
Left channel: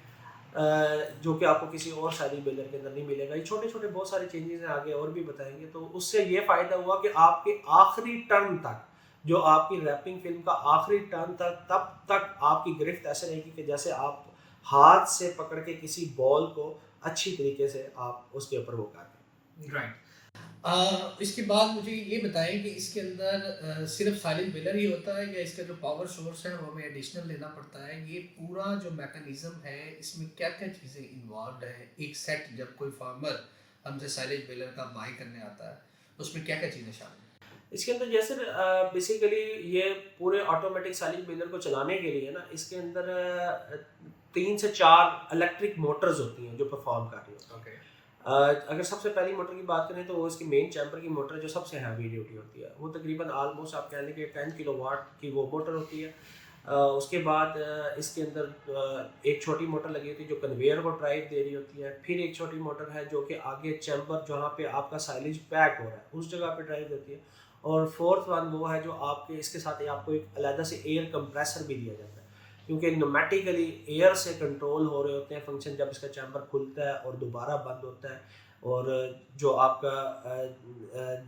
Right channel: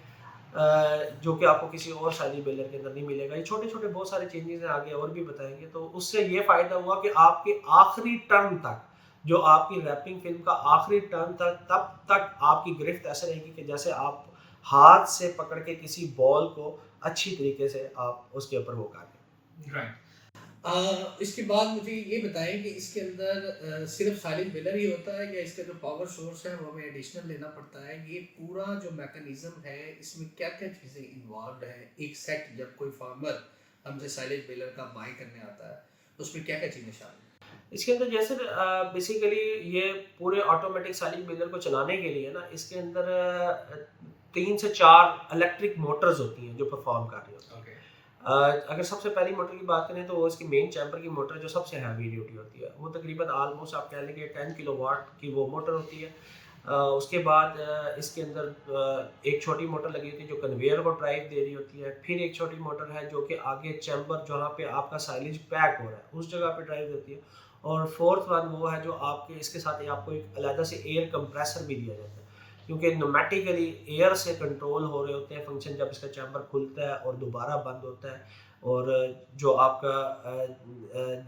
जो कि आपको किसी और साइलेज बेलर के अंदर नहीं मिलेगा। ये छोटे छोटे बहुत सारे चेंजेस हैं, आगे और भी बताएंगे। तो उससे ये फ़ायदा हुआ कि आपके आखिरी टर्न तक जो आपकी रैपिंग फिल्म का आखिरी टर्न तक तब तक आपकी गिरफ्त ऐसे रहेगी कि जैसे आप हाथ से पकड़ के किसी बॉल को अच्छी तरीके से आप उसके ऊपर वो कर दें। राइट। इसके बाद मुझे ये बताएं कि इसके अंदर सिर्फ साइलेज बेलर ही होता है या इसका जो पावर सोर्स है वो हमें एडिशनल लेना पड़ता है? ये पूरा जो मैकेनिज्म है इसमें क्या क्या चीज़ें इन्वॉल्व है? एक सेट जब कोई फार्मर हमसे साइलेज बेलर का बाय करने आता है उसमें क्या क्या चीज़ें शामिल हैं? इसके अंदर जैसे बेसिकली ये पूरे ऑटोमेटिक साइलेज बेलर को चलाने के लिए ना इसके अंदर 3 से 4 इलेक्ट्रिक मोटर्स होती हैं जो परफॉर्म कर रही होती हैं। ओके। अगर सबसे पहली मोटर की बात करें तो वो इसकी मेन चैम्बर की मोटर जो सबसे हैवी ड्यूटी होती है वो तकरीबन आलमोस्ट आप कह लें कि 10 किलोवाट की वो मोटर होती है। उसके बाद इसके अंदर एक छोटी मोटर लगी होती है जो कन्वेयर को ड्राइव दे रही होती है। फिर एक छोटी मोटर है जो कि आगे चैम्बर जहाँ पे आपका साइलेज पैक हो रहा है उस जगह पे ड्राइव देती है। और फोर्थ वन वो है जो आपके इसके साथ आपको एक अलग से एयर कंप्रेसर भी दिया जाता है क्योंकि न्यूमेटिकली एयर से कंट्रोल हो रहे होते हैं फंक्शन जब इसका चैम्बर खुलता है और दोबारा बंद होता है। और जो आपका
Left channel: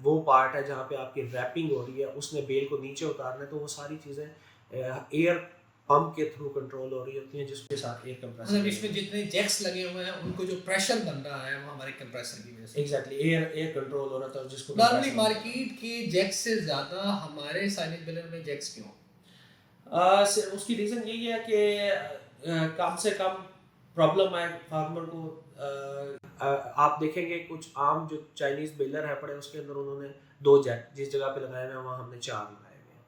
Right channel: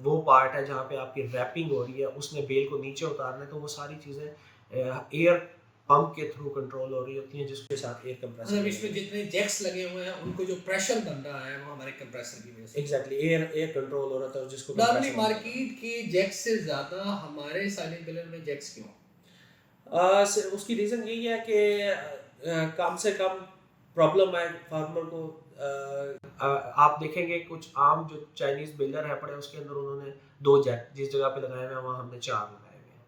वो पार्ट है जहाँ पे आपकी रैपिंग हो रही है उसने बेल को नीचे उतारना है तो वो सारी चीज़ें एयर पंप के थ्रू कंट्रोल हो रही होती हैं जिसके साथ एयर कंप्रेसर मतलब इसमें जितने जैक्स लगे हुए हैं उनको जो प्रेशर बन रहा है वो हमारे कंप्रेसर की वजह से एग्जैक्टली एयर कंट्रोल हो रहा था जिसको नॉर्मली मार्केट के जैक्स से ज़्यादा हमारे साइलेज बेलर में जैक्स क्यों? उसकी रीज़न यही है कि कम से कम प्रॉब्लम है फार्मर को। आप देखेंगे कुछ आम जो चाइनीज़ बेलर है पड़े उसके अंदर उन्होंने 2 जैक जिस जगह पे लगाए हुए हैं वहाँ हमने 4 लगाए हुए हैं,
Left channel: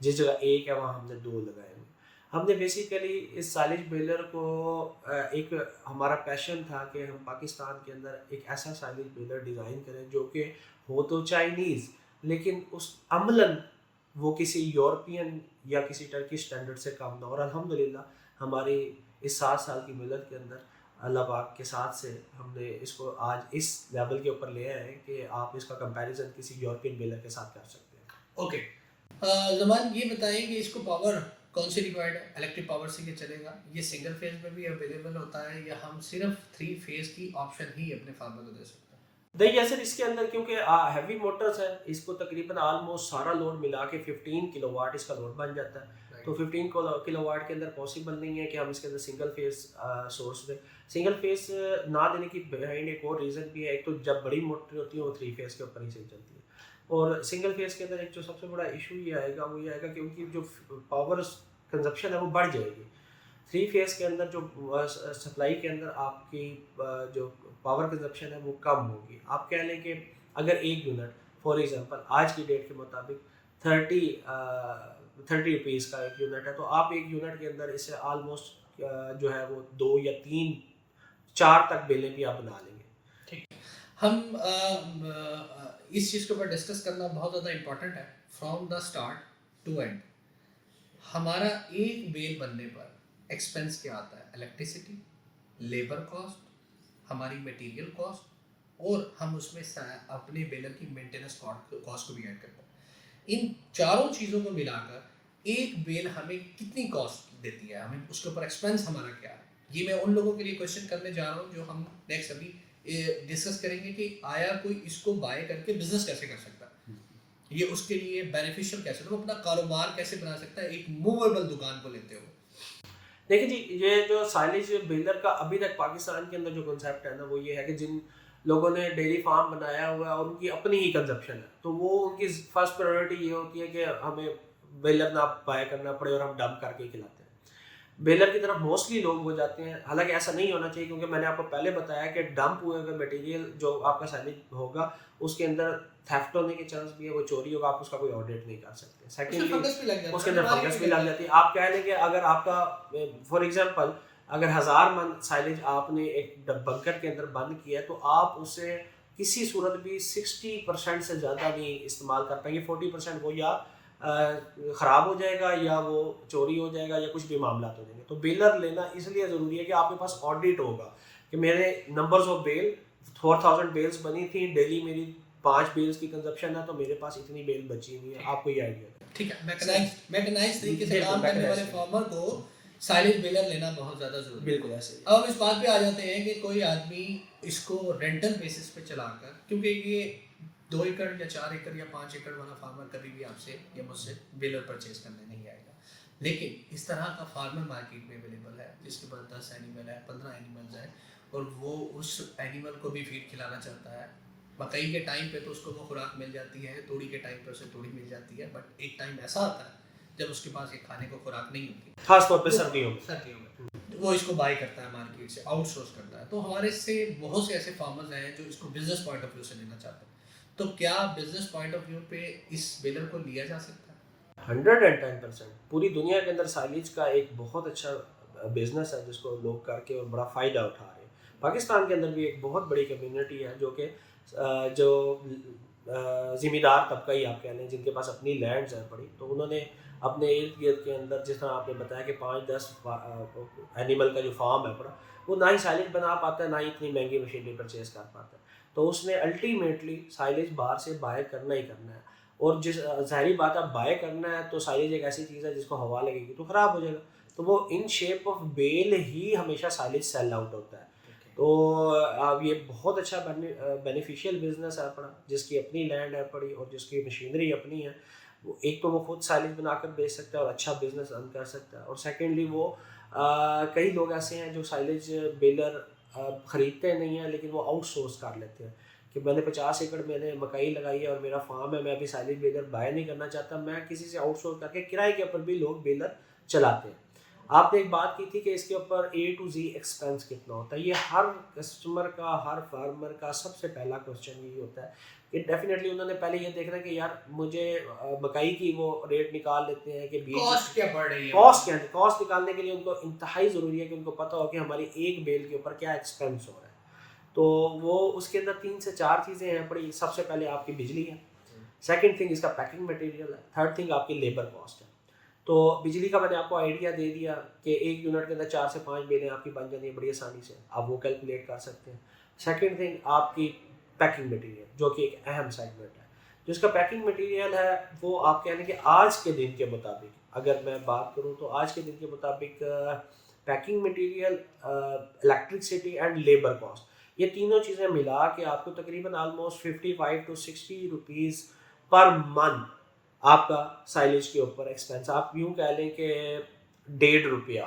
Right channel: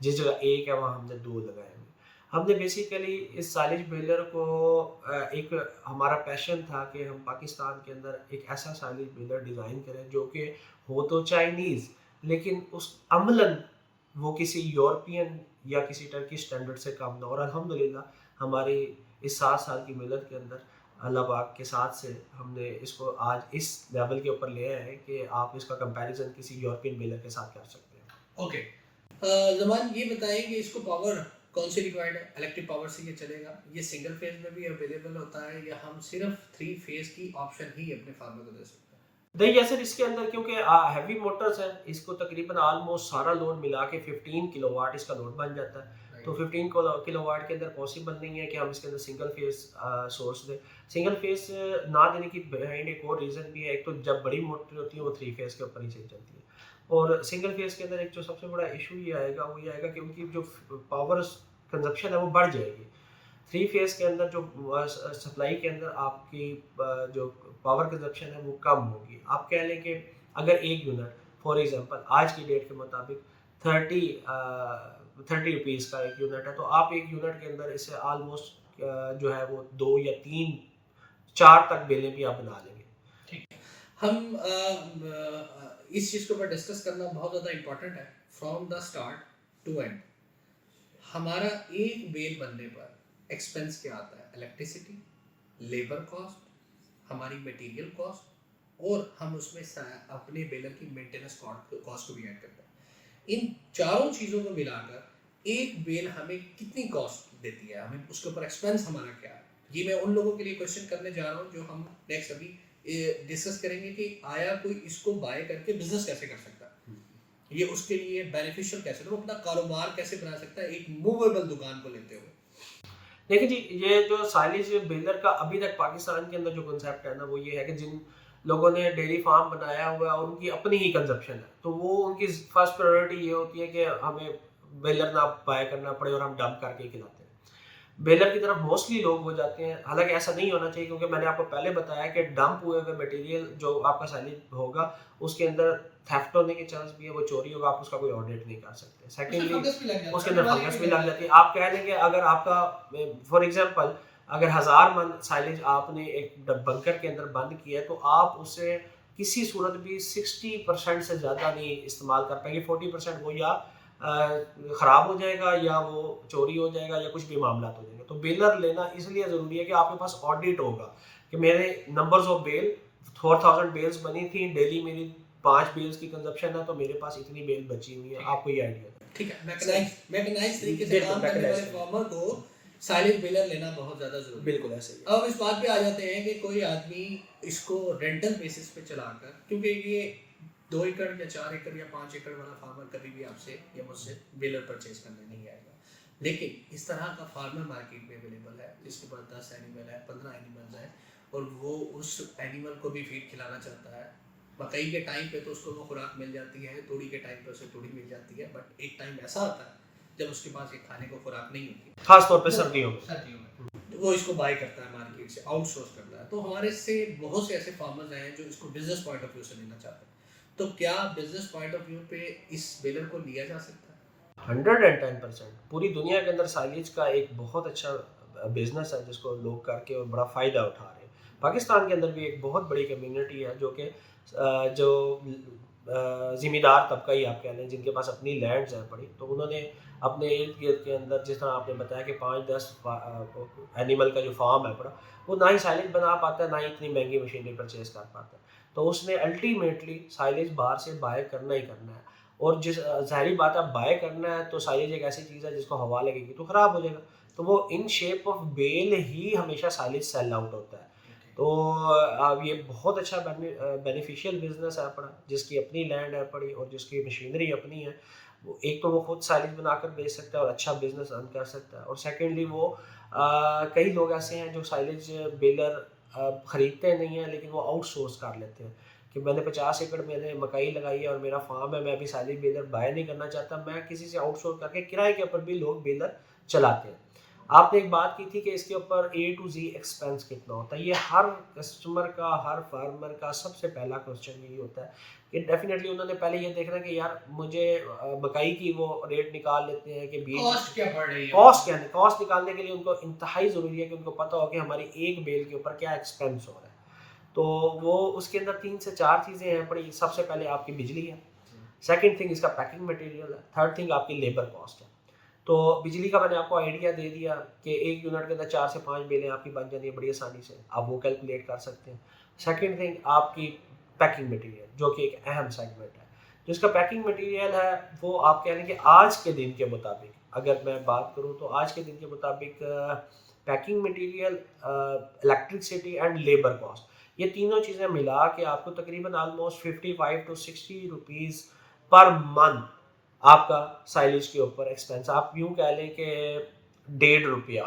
जिस जगह 1 है वहाँ हमने 2 लगाए हुए हैं। हमने बेसिकली इस साइलेज बेलर को एक हमारा पैशन था कि हम पाकिस्तान के अंदर एक ऐसा साइलेज बेलर डिज़ाइन करें जो कि हो तो चाइनीज़ लेकिन उस अमलन वो किसी यूरोपियन या किसी टर्किश स्टैंडर्ड से कम ना। और अल्हम्दुलिल्लाह हमारी इस 7 साल की मेहनत के अंदर अल्लाह पाक के साथ से हमने इसको आज इस लेवल के ऊपर ले आए हैं कि आप इसका कंपैरिजन किसी यूरोपियन बेलर के साथ कर सकते हैं। ओके। ज़मान ये बताएं कि इसको पावर कौन सी रिक्वायर्ड है? इलेक्ट्रिक पावर से ये चलेगा? ये सिंगल फेज में भी अवेलेबल होता है या हम सिर्फ 3 फेज की ऑप्शन ही अपने फार्मर को दे सकते हैं? नहीं या सर इसके अंदर क्योंकि हैवी मोटर्स है इसको तकरीबन आलमोस्ट सारा लोड मिला के 15 किलोवाट इसका लोड बन जाता है। तो 15 किलोवाट के अंदर पॉसिबल नहीं है कि हम इसके अंदर सिंगल फेज सोर्स दें। सिंगल फेज ना देने की बिहाइंड एक और रीज़न भी है। एक तो जब बड़ी मोटर होती है वो 3 फेज के ऊपर ही सही चलती है और सिंगल फेज के अंदर एक जो सबसे बड़ा इशू ये आएगा वो ये आएगा कि उनकी जो पावर कंजप्शन है वो बढ़ जाएगी। 3 फेज के अंदर जो सप्लाई के अंदर आपकी जो पावर कंजप्शन है वो कम होगी। आप कह लें कि अगर एक यूनिट फॉर एग्जांपल आज की डेट के मुताबिक 30 रुपीज़ का एक यूनिट है तो आप एक यूनिट के अंदर इससे आलमोस्ट जो है वो 2 या 3 4 तक बेलें भी आप बना लेंगे। ठीक है। हम इस चीज़ के ऊपर डिस्कस करना बहुत ज़्यादा इम्पोर्टेंट है from the start to end. हमारा एक बेल बनने पर एक्सपेंस क्या आता है? इलेक्ट्रिसिटी, लेबर कॉस्ट, हमारी मटेरियल कॉस्ट और हम उसमें अपने बेलर की मेंटेनेंस कॉस्ट को भी ऐड करते हैं। इन चारों चीज़ों को मिलाकर एक बेल हमें कितनी कॉस्ट देती है, हमें उसके ऊपर एक्सपेंस हमारा क्या है? ये मैं उन लोगों के लिए क्वेश्चन करने जा रहा हूँ जो हम नेक्स्ट अभी डिस्कस करेंगे कि आया कोई इसको बाय करके बिजनेस कैसे कर सकता है, ये उसके लिए बेनिफिशियल कैसे, तो वो अपना कारोबार कैसे बना सकता है एक मूवेबल दुकान को लेते हुए। देखिए जी ये जो साइलेज बेलर का अभी तक पाकिस्तान के अंदर जो कॉन्सेप्ट है ना वो ये है कि जिन लोगों ने डेयरी फार्म बनाया हुआ है और उनकी अपनी ही कंजप्शन है तो वो उनकी फर्स्ट प्रायोरिटी ये होती है कि हमें बेलर ना बाय करना पड़े और हम डंप करके ही खिलाते हैं। बेलर की तरफ मोस्टली लोग हो जाते हैं, हालांकि ऐसा नहीं होना चाहिए क्योंकि मैंने आपको पहले बताया कि डंप हुए हुए मटेरियल जो आपका साइलेज होगा उसके अंदर थेफ्ट होने के चांस भी है, वो चोरी होगा, आप उसका कोई ऑडिट नहीं कर सकते। सेकेंडली उसके अंदर फंगस भी लग जाती है। आप कह लेंगे अगर आपका फॉर एग्जांपल अगर 1000 मन साइलेज आपने एक बंकर के अंदर बंद किया है तो आप उसे किसी सूरत भी 60% से ज़्यादा नहीं इस्तेमाल कर पाएंगे। 40% वो या ख़राब हो जाएगा या वो चोरी हो जाएगा या कुछ भी मामला हो जाएंगे। तो बेलर लेना इसलिए ज़रूरी है कि आपके पास ऑडिट होगा कि मेरे नंबर्स ऑफ बेल 4000 बेल्स बनी थी, डेली मेरी 5 बेल्स की कंजप्शन है, तो मेरे पास इतनी बेल बची हुई है। आपको ये आइडिया है। ठीक है, मैकेनाइज तरीके से बिल्कुल, काम करने वाले mechanized। फार्मर को साइलेज बेलर लेना बहुत ज़्यादा ज़रूरी है। बिल्कुल ऐसे ही। अब हम इस बात पे आ जाते हैं कि कोई आदमी इसको रेंटल बेसिस पे चलाकर, क्योंकि ये 2 एकड़ या 4 एकड़ या 5 एकड़ वाला फार्मर कभी भी आपसे या मुझसे बेलर परचेज करने नहीं आएगा, लेकिन इस तरह का फार्मर मार्केट में अवेलेबल है जिसके पास 10 एनिमल है, 15 एनिमल्स हैं और वो उस एनिमल को भी फीड खिलाना चाहता है। मकई के टाइम पे तो उसको वो खुराक मिल जाती है, तूड़ी के टाइम पे उसे तूड़ी मिल जाती है, बट एक टाइम ऐसा आता है जब उसके पास ये खाने को खुराक नहीं होती, खास तौर पे सर्दियों में। वो इसको बाय करता है मार्केट से, आउटसोर्स करता है। तो हमारे से बहुत से ऐसे फार्मर्स हैं जो इसको बिजनेस पॉइंट ऑफ व्यू से लेना चाहते हैं। तो क्या बिजनेस पॉइंट ऑफ व्यू पे इस बेलर को लिया जा सकता है? 110% पूरी दुनिया के अंदर साइलेज का एक बहुत अच्छा बिजनेस है जिसको लोग करके और बड़ा फ़ायदा उठा रहे हैं। पाकिस्तान के अंदर भी एक बहुत बड़ी कम्युनिटी है जो कि जो ज़िम्मेदार तबका ही आप कह लें, जिनके पास अपनी लैंड्स हैं बड़ी, तो उन्होंने अपने इर्द गिर्द के अंदर, जिस तरह आपने बताया कि 5-10 एनिमल का जो फार्म है बड़ा, वो ना ही साइलेज बना पाता है ना ही इतनी महंगी मशीनरी परचेज कर पाता है। तो उसने अल्टीमेटली साइलेज बाहर से बाय करना ही करना है। और जिस ज़ाहिरी बात है, बाय करना है तो साइलेज एक ऐसी चीज़ है जिसको हवा लगेगी तो ख़राब हो जाएगा, तो वो इन शेप ऑफ बेल ही हमेशा साइलेज सेल आउट होता है। तो अब ये बहुत अच्छा बेनिफिशियल बिजनेस है अपना, जिसकी अपनी लैंड है पड़ी और जिसकी मशीनरी अपनी है, वो एक तो वो खुद साइलेज बनाकर बेच सकता है और अच्छा बिजनेस रन कर सकता है। और सेकेंडली वो कई लोग ऐसे हैं जो साइलेज बेलर ख़रीदते नहीं हैं लेकिन वो आउटसोर्स कर लेते हैं कि मैंने 50 एकड़ मैंने मकई लगाई है और मेरा फार्म है, मैं अभी साइलेज बेलर बाय नहीं करना चाहता, मैं किसी से आउटसोर्स करके किराए के ऊपर भी लोग बेलर चलाते हैं। आपने एक बात की थी कि इसके ऊपर A to Z एक्सपेंस कितना होता है। ये हर कस्टमर का, हर फार्मर का सबसे पहला क्वेश्चन यही होता है कि डेफिनेटली उन्होंने पहले ये देखना है कि यार मुझे मकई की वो रेट निकाल लेते हैं कि बीज कॉस्ट क्या बढ़ रही है, कॉस्ट निकालने के लिए उनको इंतहाई ज़रूरी है कि उनको पता हो कि हमारी एक बेल के ऊपर क्या एक्सपेंस हो रहा है। तो वो उसके अंदर 3 से 4 चीज़ें हैं बड़ी। सबसे पहले आपकी बिजली है, सेकंड थिंग इसका पैकिंग मटेरियल है, थर्ड थिंग आपकी लेबर कॉस्ट है। तो बिजली का मैंने आपको आइडिया दे दिया कि 1 यूनिट के अंदर 4 से 5 बेलें आपकी बन जानी है बड़ी आसानी से, आप वो कैलकुलेट कर सकते हैं। सेकंड थिंग आपकी पैकिंग मटेरियल, जो कि एक अहम सेगमेंट है। जिसका पैकिंग मटेरियल है वो आप कह लें कि आज के दिन के मुताबिक, अगर मैं बात करूँ तो आज के दिन के मुताबिक packing material, electricity and labour cost, ये तीनों चीज़ें मिला के आपको तकरीबन almost 55 to 60 rupees per month आपका साइलेज के ऊपर एक्सपेंस, आप यूँ कह लें कि ₹1.5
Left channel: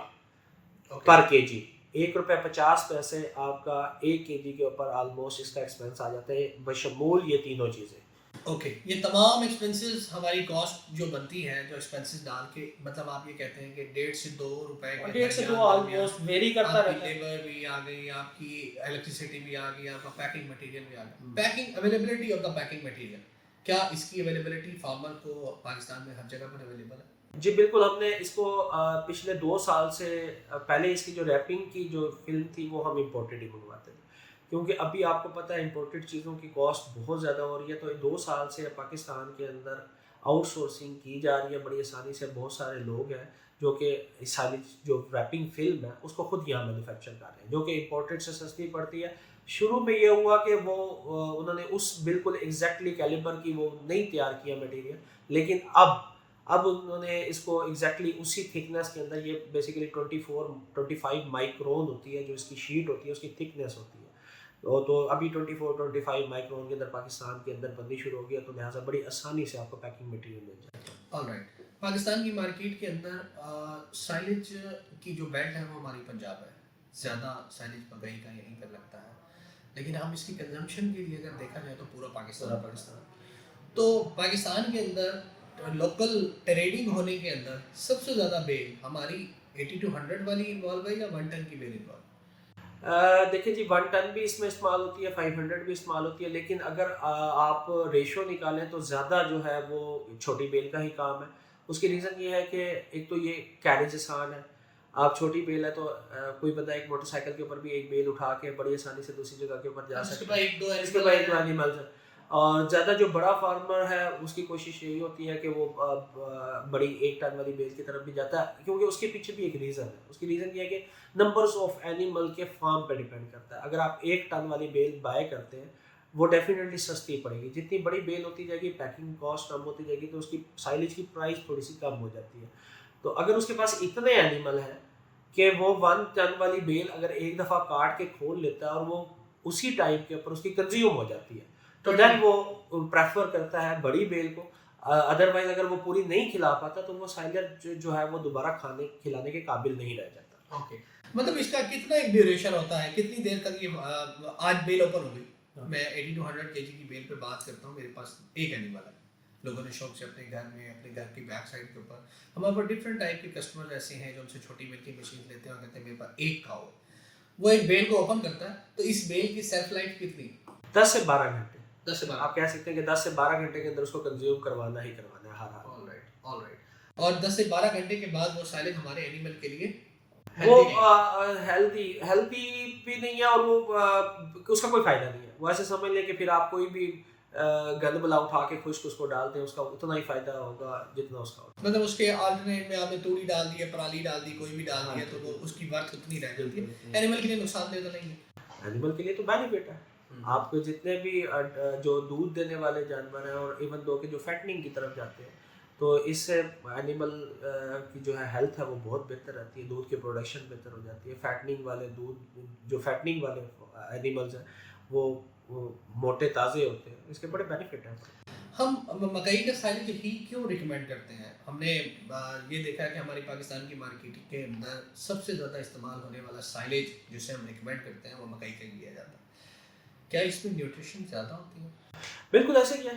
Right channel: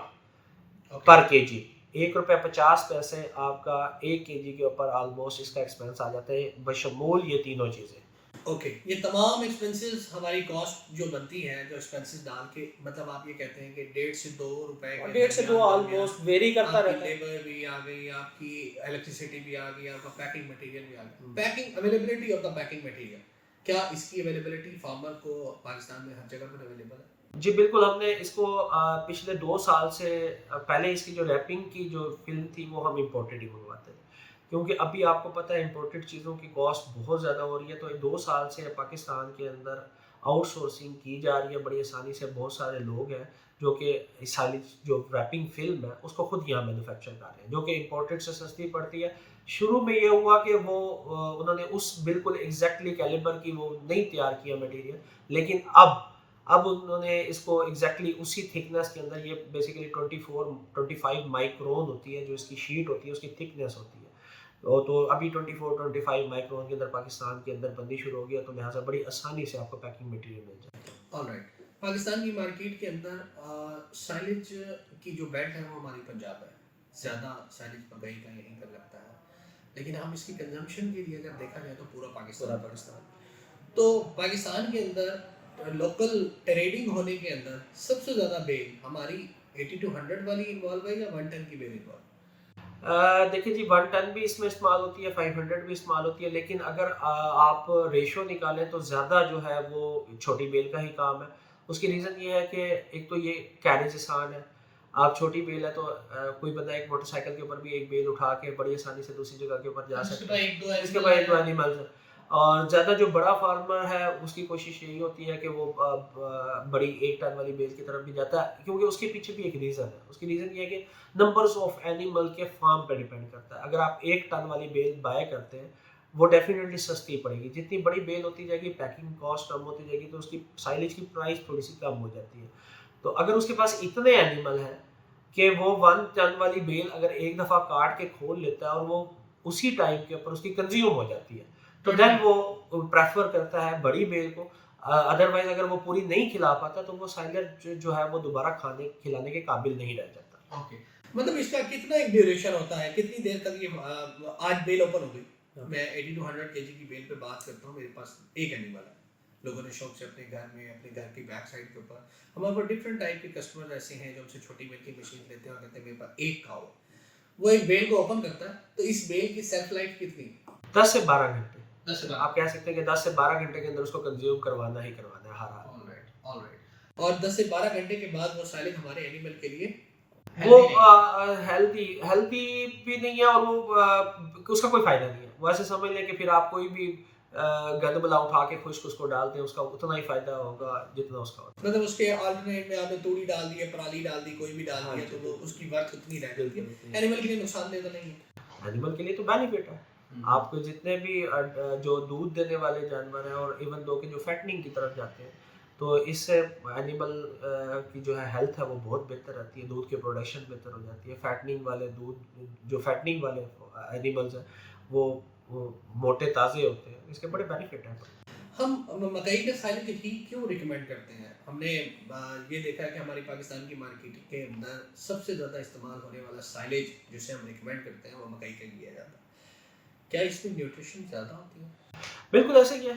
पर केजी, ₹1.50 आपका 1 केजी के ऊपर ऑलमोस्ट इसका एक्सपेंस आ जाता है बशमूल ये तीनों चीज़ें। ओके, ये तमाम एक्सपेंसेस हमारी कॉस्ट जो बनती है, जो एक्सपेंसेस डाल के, मतलब आप ये कहते हैं कि 1.5 से 2 रुपए के 1.5 से 2 ऑलमोस्ट वेरी करता आपकी रहता है। लेबर भी आ गई, आपकी इलेक्ट्रिसिटी भी आ गई, आपका पैकिंग मटेरियल भी आ गया। Packing availability of the packing material, क्या इसकी अवेलेबिलिटी फार्मर को पाकिस्तान में हर जगह पर अवेलेबल है? जी बिल्कुल, हमने इसको पिछले 2 साल से पहले इसकी जो रैपिंग की जो फिल्म थी वो हम इम्पोर्टेड ही मंगवाते थे, क्योंकि अभी आपको पता है इम्पोर्टेड चीज़ों की कॉस्ट बहुत ज़्यादा हो रही है। तो 2 साल से पाकिस्तान के अंदर आउटसोर्सिंग की जा रही है बड़ी आसानी से। बहुत सारे लोग हैं जो कि इस सारी जो रैपिंग फिल्म है उसको खुद यहाँ मैन्युफैक्चर कर रहे हैं, जो कि इम्पोर्टेड से सस्ती पड़ती है। शुरू में ये हुआ कि वो उन्होंने उस बिल्कुल एग्जैक्टली कैलिबर की वो नहीं तैयार किया मटेरियल, लेकिन अब उन्होंने इसको एग्जैक्टली उसी थिकनेस के अंदर, ये बेसिकली 24-25 माइक्रोन होती है जो इसकी शीट होती है, उसकी थिकनेस होती है। तो अभी 24-25 माइक्रोन के अंदर पाकिस्तान के अंदर बननी शुरू हो गया, तो लिहाजा बड़ी आसानी से आपको पैकिंग मटेरियल मिल जाएगा। ऑलराइट, पाकिस्तान की मार्केट के अंदर साइलेज की जो बेल्ट है वो हमारी पंजाब है, ज़्यादा साइलेज मकई का यहीं पर लगता है, लेकिन हम इसकी कंजम्पशन के लिए अगर देखा जाए तो पूरा पाकिस्तान। तो पाकिस्तान के अंदर लोकल ट्रेडिंग होने के अंदर सबसे ज़्यादा बेल हमारी 80 to 100 वाली इन्वॉल्व है या 1 टन की बेल इन्वॉल्व? देखिए जी, 1 टन भी इसमें इस्तेमाल होती है, 500 भी इस्तेमाल होती है, लेकिन अगर आप रेशो निकालें तो ज़्यादा जो है वो छोटी बेल का ही काम है। उसकी रीज़न ये है कि एक तो ये कैरेज आसान है, आप छोटी बेल है तो कोई बंदा एक मोटरसाइकिल के ऊपर भी एक बेल उठा के बड़ी आसानी से दूसरी जगह के ऊपर जा सकता है। इसके पास एक दो एनिमल्स है। और ज़्यादा जो बड़ा फार्मर है उसकी कोशिश यही होती है कि वो बड़ी 1 टन वाली बेल की तरफ भी जाता है, क्योंकि उसके पीछे भी एक रीज़न है। उसकी रीज़न ये है कि नंबर्स ऑफ एनिमल के फार्म पे डिपेंड करता है। अगर आप 1 टन वाली बेल बाय करते हैं वो डेफिनेटली सस्ती पड़ेगी। जितनी बड़ी बेल होती जाएगी पैकिंग कॉस्ट कम होती जाएगी तो उसकी साइलेज की प्राइस थोड़ी सी कम हो जाती है। तो अगर उसके पास इतने एनिमल हैं कि वो 1 टन वाली बेल अगर एक दफ़ा काट के खोल लेता है और वो उसी टाइम के ऊपर उसकी कंज्यूम हो जाती है, तो देन वो प्रेफर करता है बड़ी बेल को। अदरवाइज अगर वो पूरी नहीं खिला पाता तो वो साइलेज जो है वो दोबारा खिलाने के काबिल नहीं रह जाता। ओके, मतलब इसका कितना एक ड्यूरेशन होता है, कितनी देर तक ये आज बेल ओपन हो गई, मैं 80 to 100 केजी की बेल पे बात करता हूँ, मेरे पास एक एनिमल है, लोगों ने शौक से अपने घर में अपने घर की बैक साइड के ऊपर, हमारे पास डिफरेंट टाइप के कस्टमर्स ऐसे हैं जो हमसे छोटी मिल्किंग मशीन लेते हैं और कहते हैं मेरे पास एक काऊ है, वो एक बेल को ओपन करता है, तो इस बेल की सेल्फ लाइफ कितनी? 10 से 12 घंटे। 10 से 12 आप कह सकते हैं कि 10 से 12 घंटे के अंदर उसको कंज्यूम करवाना ही करवाना है हर हाल। ऑलराइट। और 10 से 12 घंटे के बाद वो साइलेज हमारे एनिमल के लिए वो हेल्दी हेल्दी भी नहीं है और वो उसका कोई फायदा नहीं है। वो ऐसे समझ लें कि फिर आप कोई भी गंद बला उठा के खुश्क उसको डालते हैं, उसका उतना ही फायदा होगा जितना उसका होता है। मतलब उसके अल्टरनेट में आपने तूड़ी डाल दी है, पराली डाल दी, कोई भी डाल हाँ, दिया तो वो उसकी वर्थ उतनी रह जाती है। बिल्कुल। एनिमल के लिए नुकसानदेह तो नहीं है। एनिमल के लिए तो बेनिफिट है। आपको जितने भी जो दूध देने वाले जानवर हैं और इवन दो के जो फैटनिंग की तरफ जाते हैं, तो इससे एनिमल की जो है हेल्थ है वो बहुत बेहतर रहती है, दूध की प्रोडक्शन बेहतर हो जाती है। फैटनिंग वाले दूध जो फैटनिंग वाले एनिमल्स हैं वो मोटे ताज़े होते हैं, इसके बड़े बेनिफिट हैं। हम मकई का साइलेज ही क्यों रिकमेंड करते हैं? हमने ये देखा है कि हमारी पाकिस्तान की मार्केट के अंदर सबसे ज़्यादा इस्तेमाल होने वाला साइलेज जिसे हम रिकमेंड करते हैं वो मकई का लिया जाता है। क्या इसमें न्यूट्रिशन ज़्यादा होती है? बिल्कुल ऐसे ही है।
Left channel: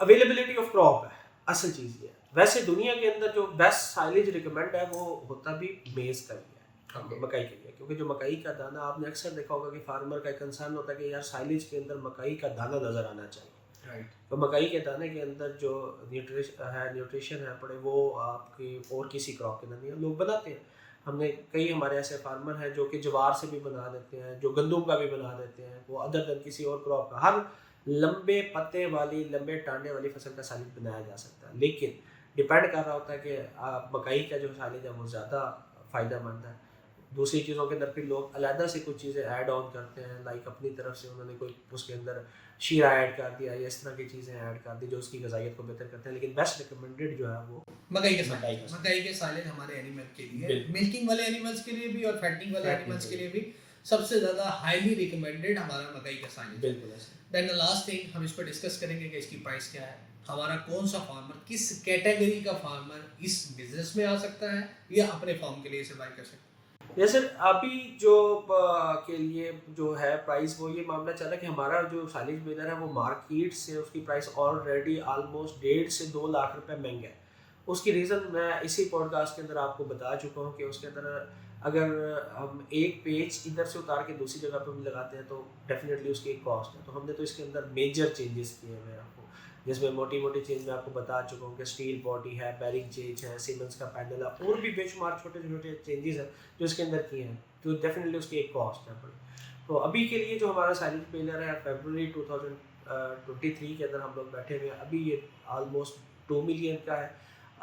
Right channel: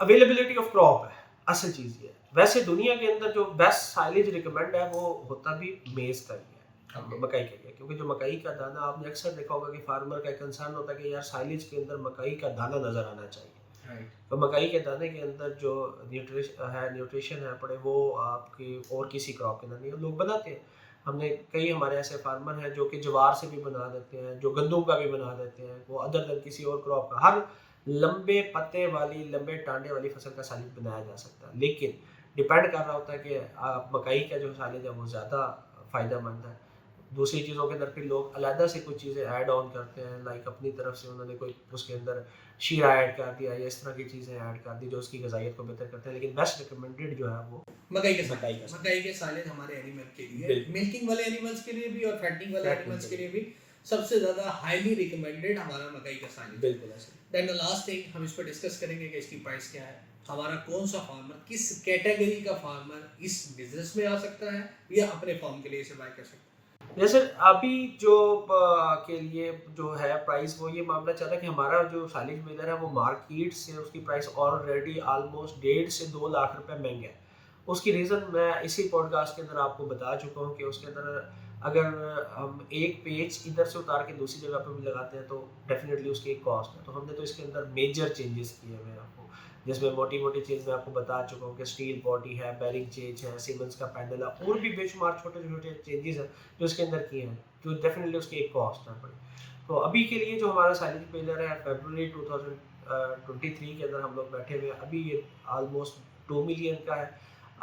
अवेलेबिलिटी ऑफ क्रॉप है असल चीज़ ये है। वैसे दुनिया के अंदर जो बेस्ट साइलेज रिकमेंड है वो होता भी मेज़ का ही है, मकई के लिए, क्योंकि जो मकई का दाना आपने अक्सर देखा होगा कि फार्मर का कंसर्न होता है कि यार साइलेज के अंदर मकई का दाना नज़र आना चाहिए। तो मकई के दाने के अंदर जो न्यूट्रिशन है पड़े वो आपकी और किसी क्रॉप के अंदर नहीं है। लोग बनाते हैं, हमने कई हमारे ऐसे फार्मर हैं जो कि ज्वार से भी बना देते हैं, जो गंदम का भी बना देते हैं, वो अदर देन किसी और क्रॉप का हर लंबे पत्ते वाली लंबे टांडे वाली फसल का साइलेज बनाया जा सकता है। लेकिन डिपेंड कर रहा होता है कि आप मकई का जो साइलेज है वो ज़्यादा फ़ायदेमंद है। दूसरी चीज़ों के अंदर फिर लोग अलग से कुछ चीज़ें ऐड ऑन करते हैं, लाइक अपनी तरफ से उन्होंने कोई उसके अंदर शीरा ऐड कर दिया या इस तरह की चीज़ें ऐड कर दी जो उसकी गज़ाइयत को बेहतर करते हैं। लेकिन बेस्ट रिकमेंडेड जो है वो मकई के साइलेज हमारे एनिमल के लिए, मिल्किंग वाले एनिमल्स के लिए भी और फैटनिंग वाले एनिमल्स के लिए भी सबसे ज़्यादा हाईली रिकमेंडेड हमारा मकई का साइलेज। बिल्कुल ऐसे। देन द लास्ट थिंग हम इस पर डिस्कस करेंगे कि इसकी प्राइस क्या है, हमारा कौन सा फार्मर, किस कैटेगरी का फार्मर इस बिजनेस में आ सकता है या अपने फार्म के लिए इसे बाय कर सकता है। जैसे अभी जो के लिए जो है प्राइस वो ये मामला चल रहा है कि हमारा जो साइलेज बेलर है वो मार्केट से उसकी प्राइस ऑलरेडी ऑलमोस्ट 1.5 से 2 लाख रुपए महंगा है। उसकी रीज़न मैं इसी पॉडकास्ट के अंदर आपको बता चुका हूँ कि उसके अंदर अगर हम एक पेज इधर से उतार के दूसरी जगह पर भी लगाते हैं तो डेफिनेटली उसकी एक कॉस्ट है। तो हमने तो इसके अंदर मेजर चेंजेस किए हुए हैं आपको, जिसमें मोटी मोटी चीज़ मैं आपको बता चुका हूँ कि स्टील बॉडी है, बेरिंग चेंज है, सीमेंस का पैनल है और भी बेशुमार छोटे छोटे चेंजेस हैं जो इसके अंदर किए हैं, तो डेफिनेटली उसकी एक कॉस्ट है बड़ी। तो अभी के लिए जो हमारा साइलेज बेलर है फरवरी 2023 के अंदर हम लोग बैठे हुए हैं, अभी ये ऑलमोस्ट 2 मिलियन का है।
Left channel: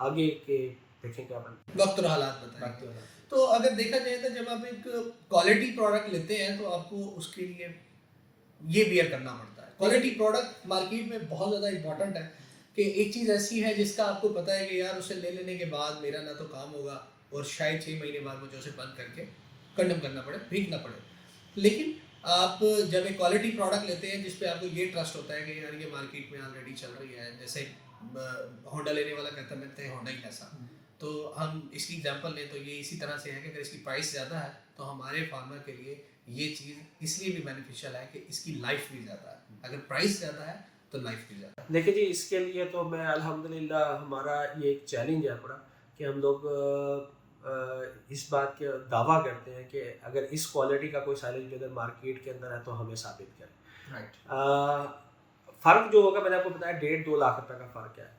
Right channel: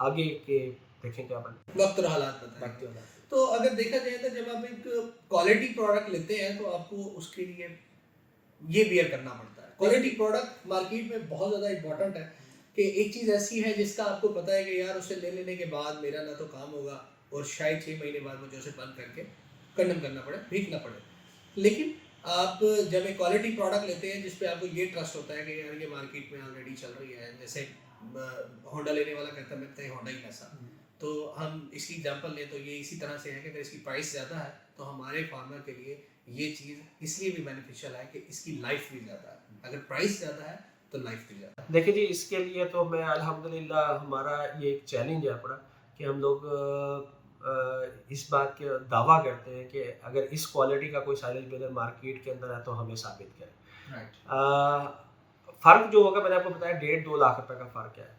आगे के देखें क्या बने, वक्त और हालात बताएंगे। तो अगर देखा जाए तो जब आप एक क्वालिटी प्रोडक्ट लेते हैं तो आपको उसके लिए ये बियर करना पड़ता है। क्वालिटी प्रोडक्ट मार्केट में बहुत ज़्यादा इंपॉर्टेंट है कि एक चीज़ ऐसी है जिसका आपको पता है कि यार उसे ले लेने के बाद मेरा ना तो काम होगा और शायद 6 महीने बाद मुझे उसे बंद करके कंडम करना पड़े, भीगना पड़े। लेकिन आप जब एक क्वालिटी प्रोडक्ट लेते हैं जिस पे आपको ये ट्रस्ट होता है कि यार ये मार्केट में ऑलरेडी चल रही है, जैसे होंडा लेने वाला कहता है मिलता है होंडा ही ऐसा, तो हम इसकी एग्जांपल लें तो ये इसी तरह से है कि अगर इसकी प्राइस ज़्यादा है तो हमारे फार्मर के लिए ये चीज़ इसलिए भी बेनिफिशियल है कि इसकी लाइफ भी ज़्यादा है। अगर प्राइस ज़्यादा है तो लाइफ भी ज़्यादा है। देखिए जी, इसके लिए तो मैं अल्हम्दुलिल्लाह हमारा ये एक चैलेंज है बड़ा कि हम लोग इस बात का दावा करते हैं कि अगर इस क्वालिटी का कोई साइलेज बेलर मार्केट के अंदर है तो हमें साबित करें। फ़र्क जो होगा मैंने आपको बताया 1.5-2 लाख रुपए का फ़र्क है।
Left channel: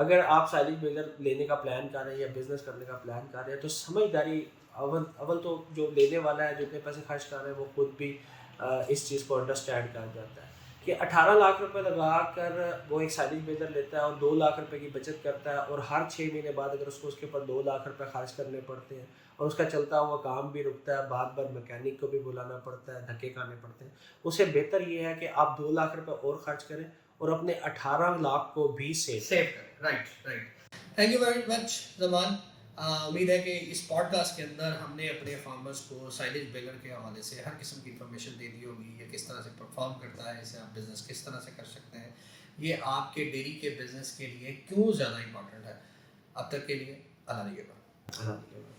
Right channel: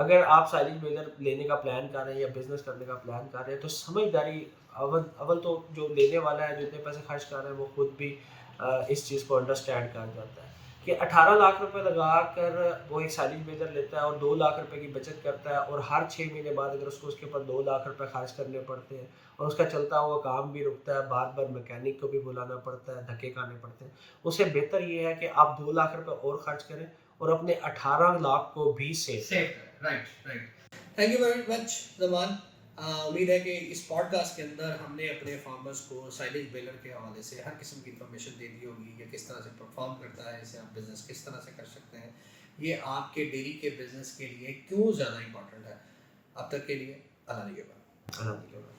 अगर आप साइलेज बेलर लेने का प्लान कर रहे हैं या बिज़नेस करने का प्लान कर रहे हैं तो समझदारी अव्वल तो जो लेने वाला है, जो इतने पैसे खर्च कर रहे हैं, वो खुद भी इस चीज़ को अंडरस्टैंड कर जाता है कि 18 लाख रुपए लगा कर वो एक साइलेज बेलर लेता है और 2 लाख रुपए की बचत करता है, और हर 6 महीने बाद अगर उसको उसके ऊपर 2 लाख रुपए खर्च करने पड़ते हैं और उसका चलता हुआ काम भी रुकता है, बार बार मैकेनिक को भी बुलाना पड़ता है, धक्के खाने पड़ते हैं, उससे बेहतर ये है कि आप 2 लाख रुपए और खर्च करें और अपने 18 लाख को भी सेव करें। Right right. Thank you very much Zaman. उम्मीद है कि इस पॉडकास्ट के अंदर हमने अपने फार्मर्स को साइलेज बेलर के हवाले से हर किस्म की इंफॉर्मेशन दे दी होगी। ये किस तरह से परफॉर्म करता है, इसे आप बिज़नेस किस तरह से कर सकते हैं, ये आपके डेयरी के बिज़नेस के लिए क्यों ज़्यादा इंपॉर्टेंट है। अब तक के लिए अल्लाह निगहबान।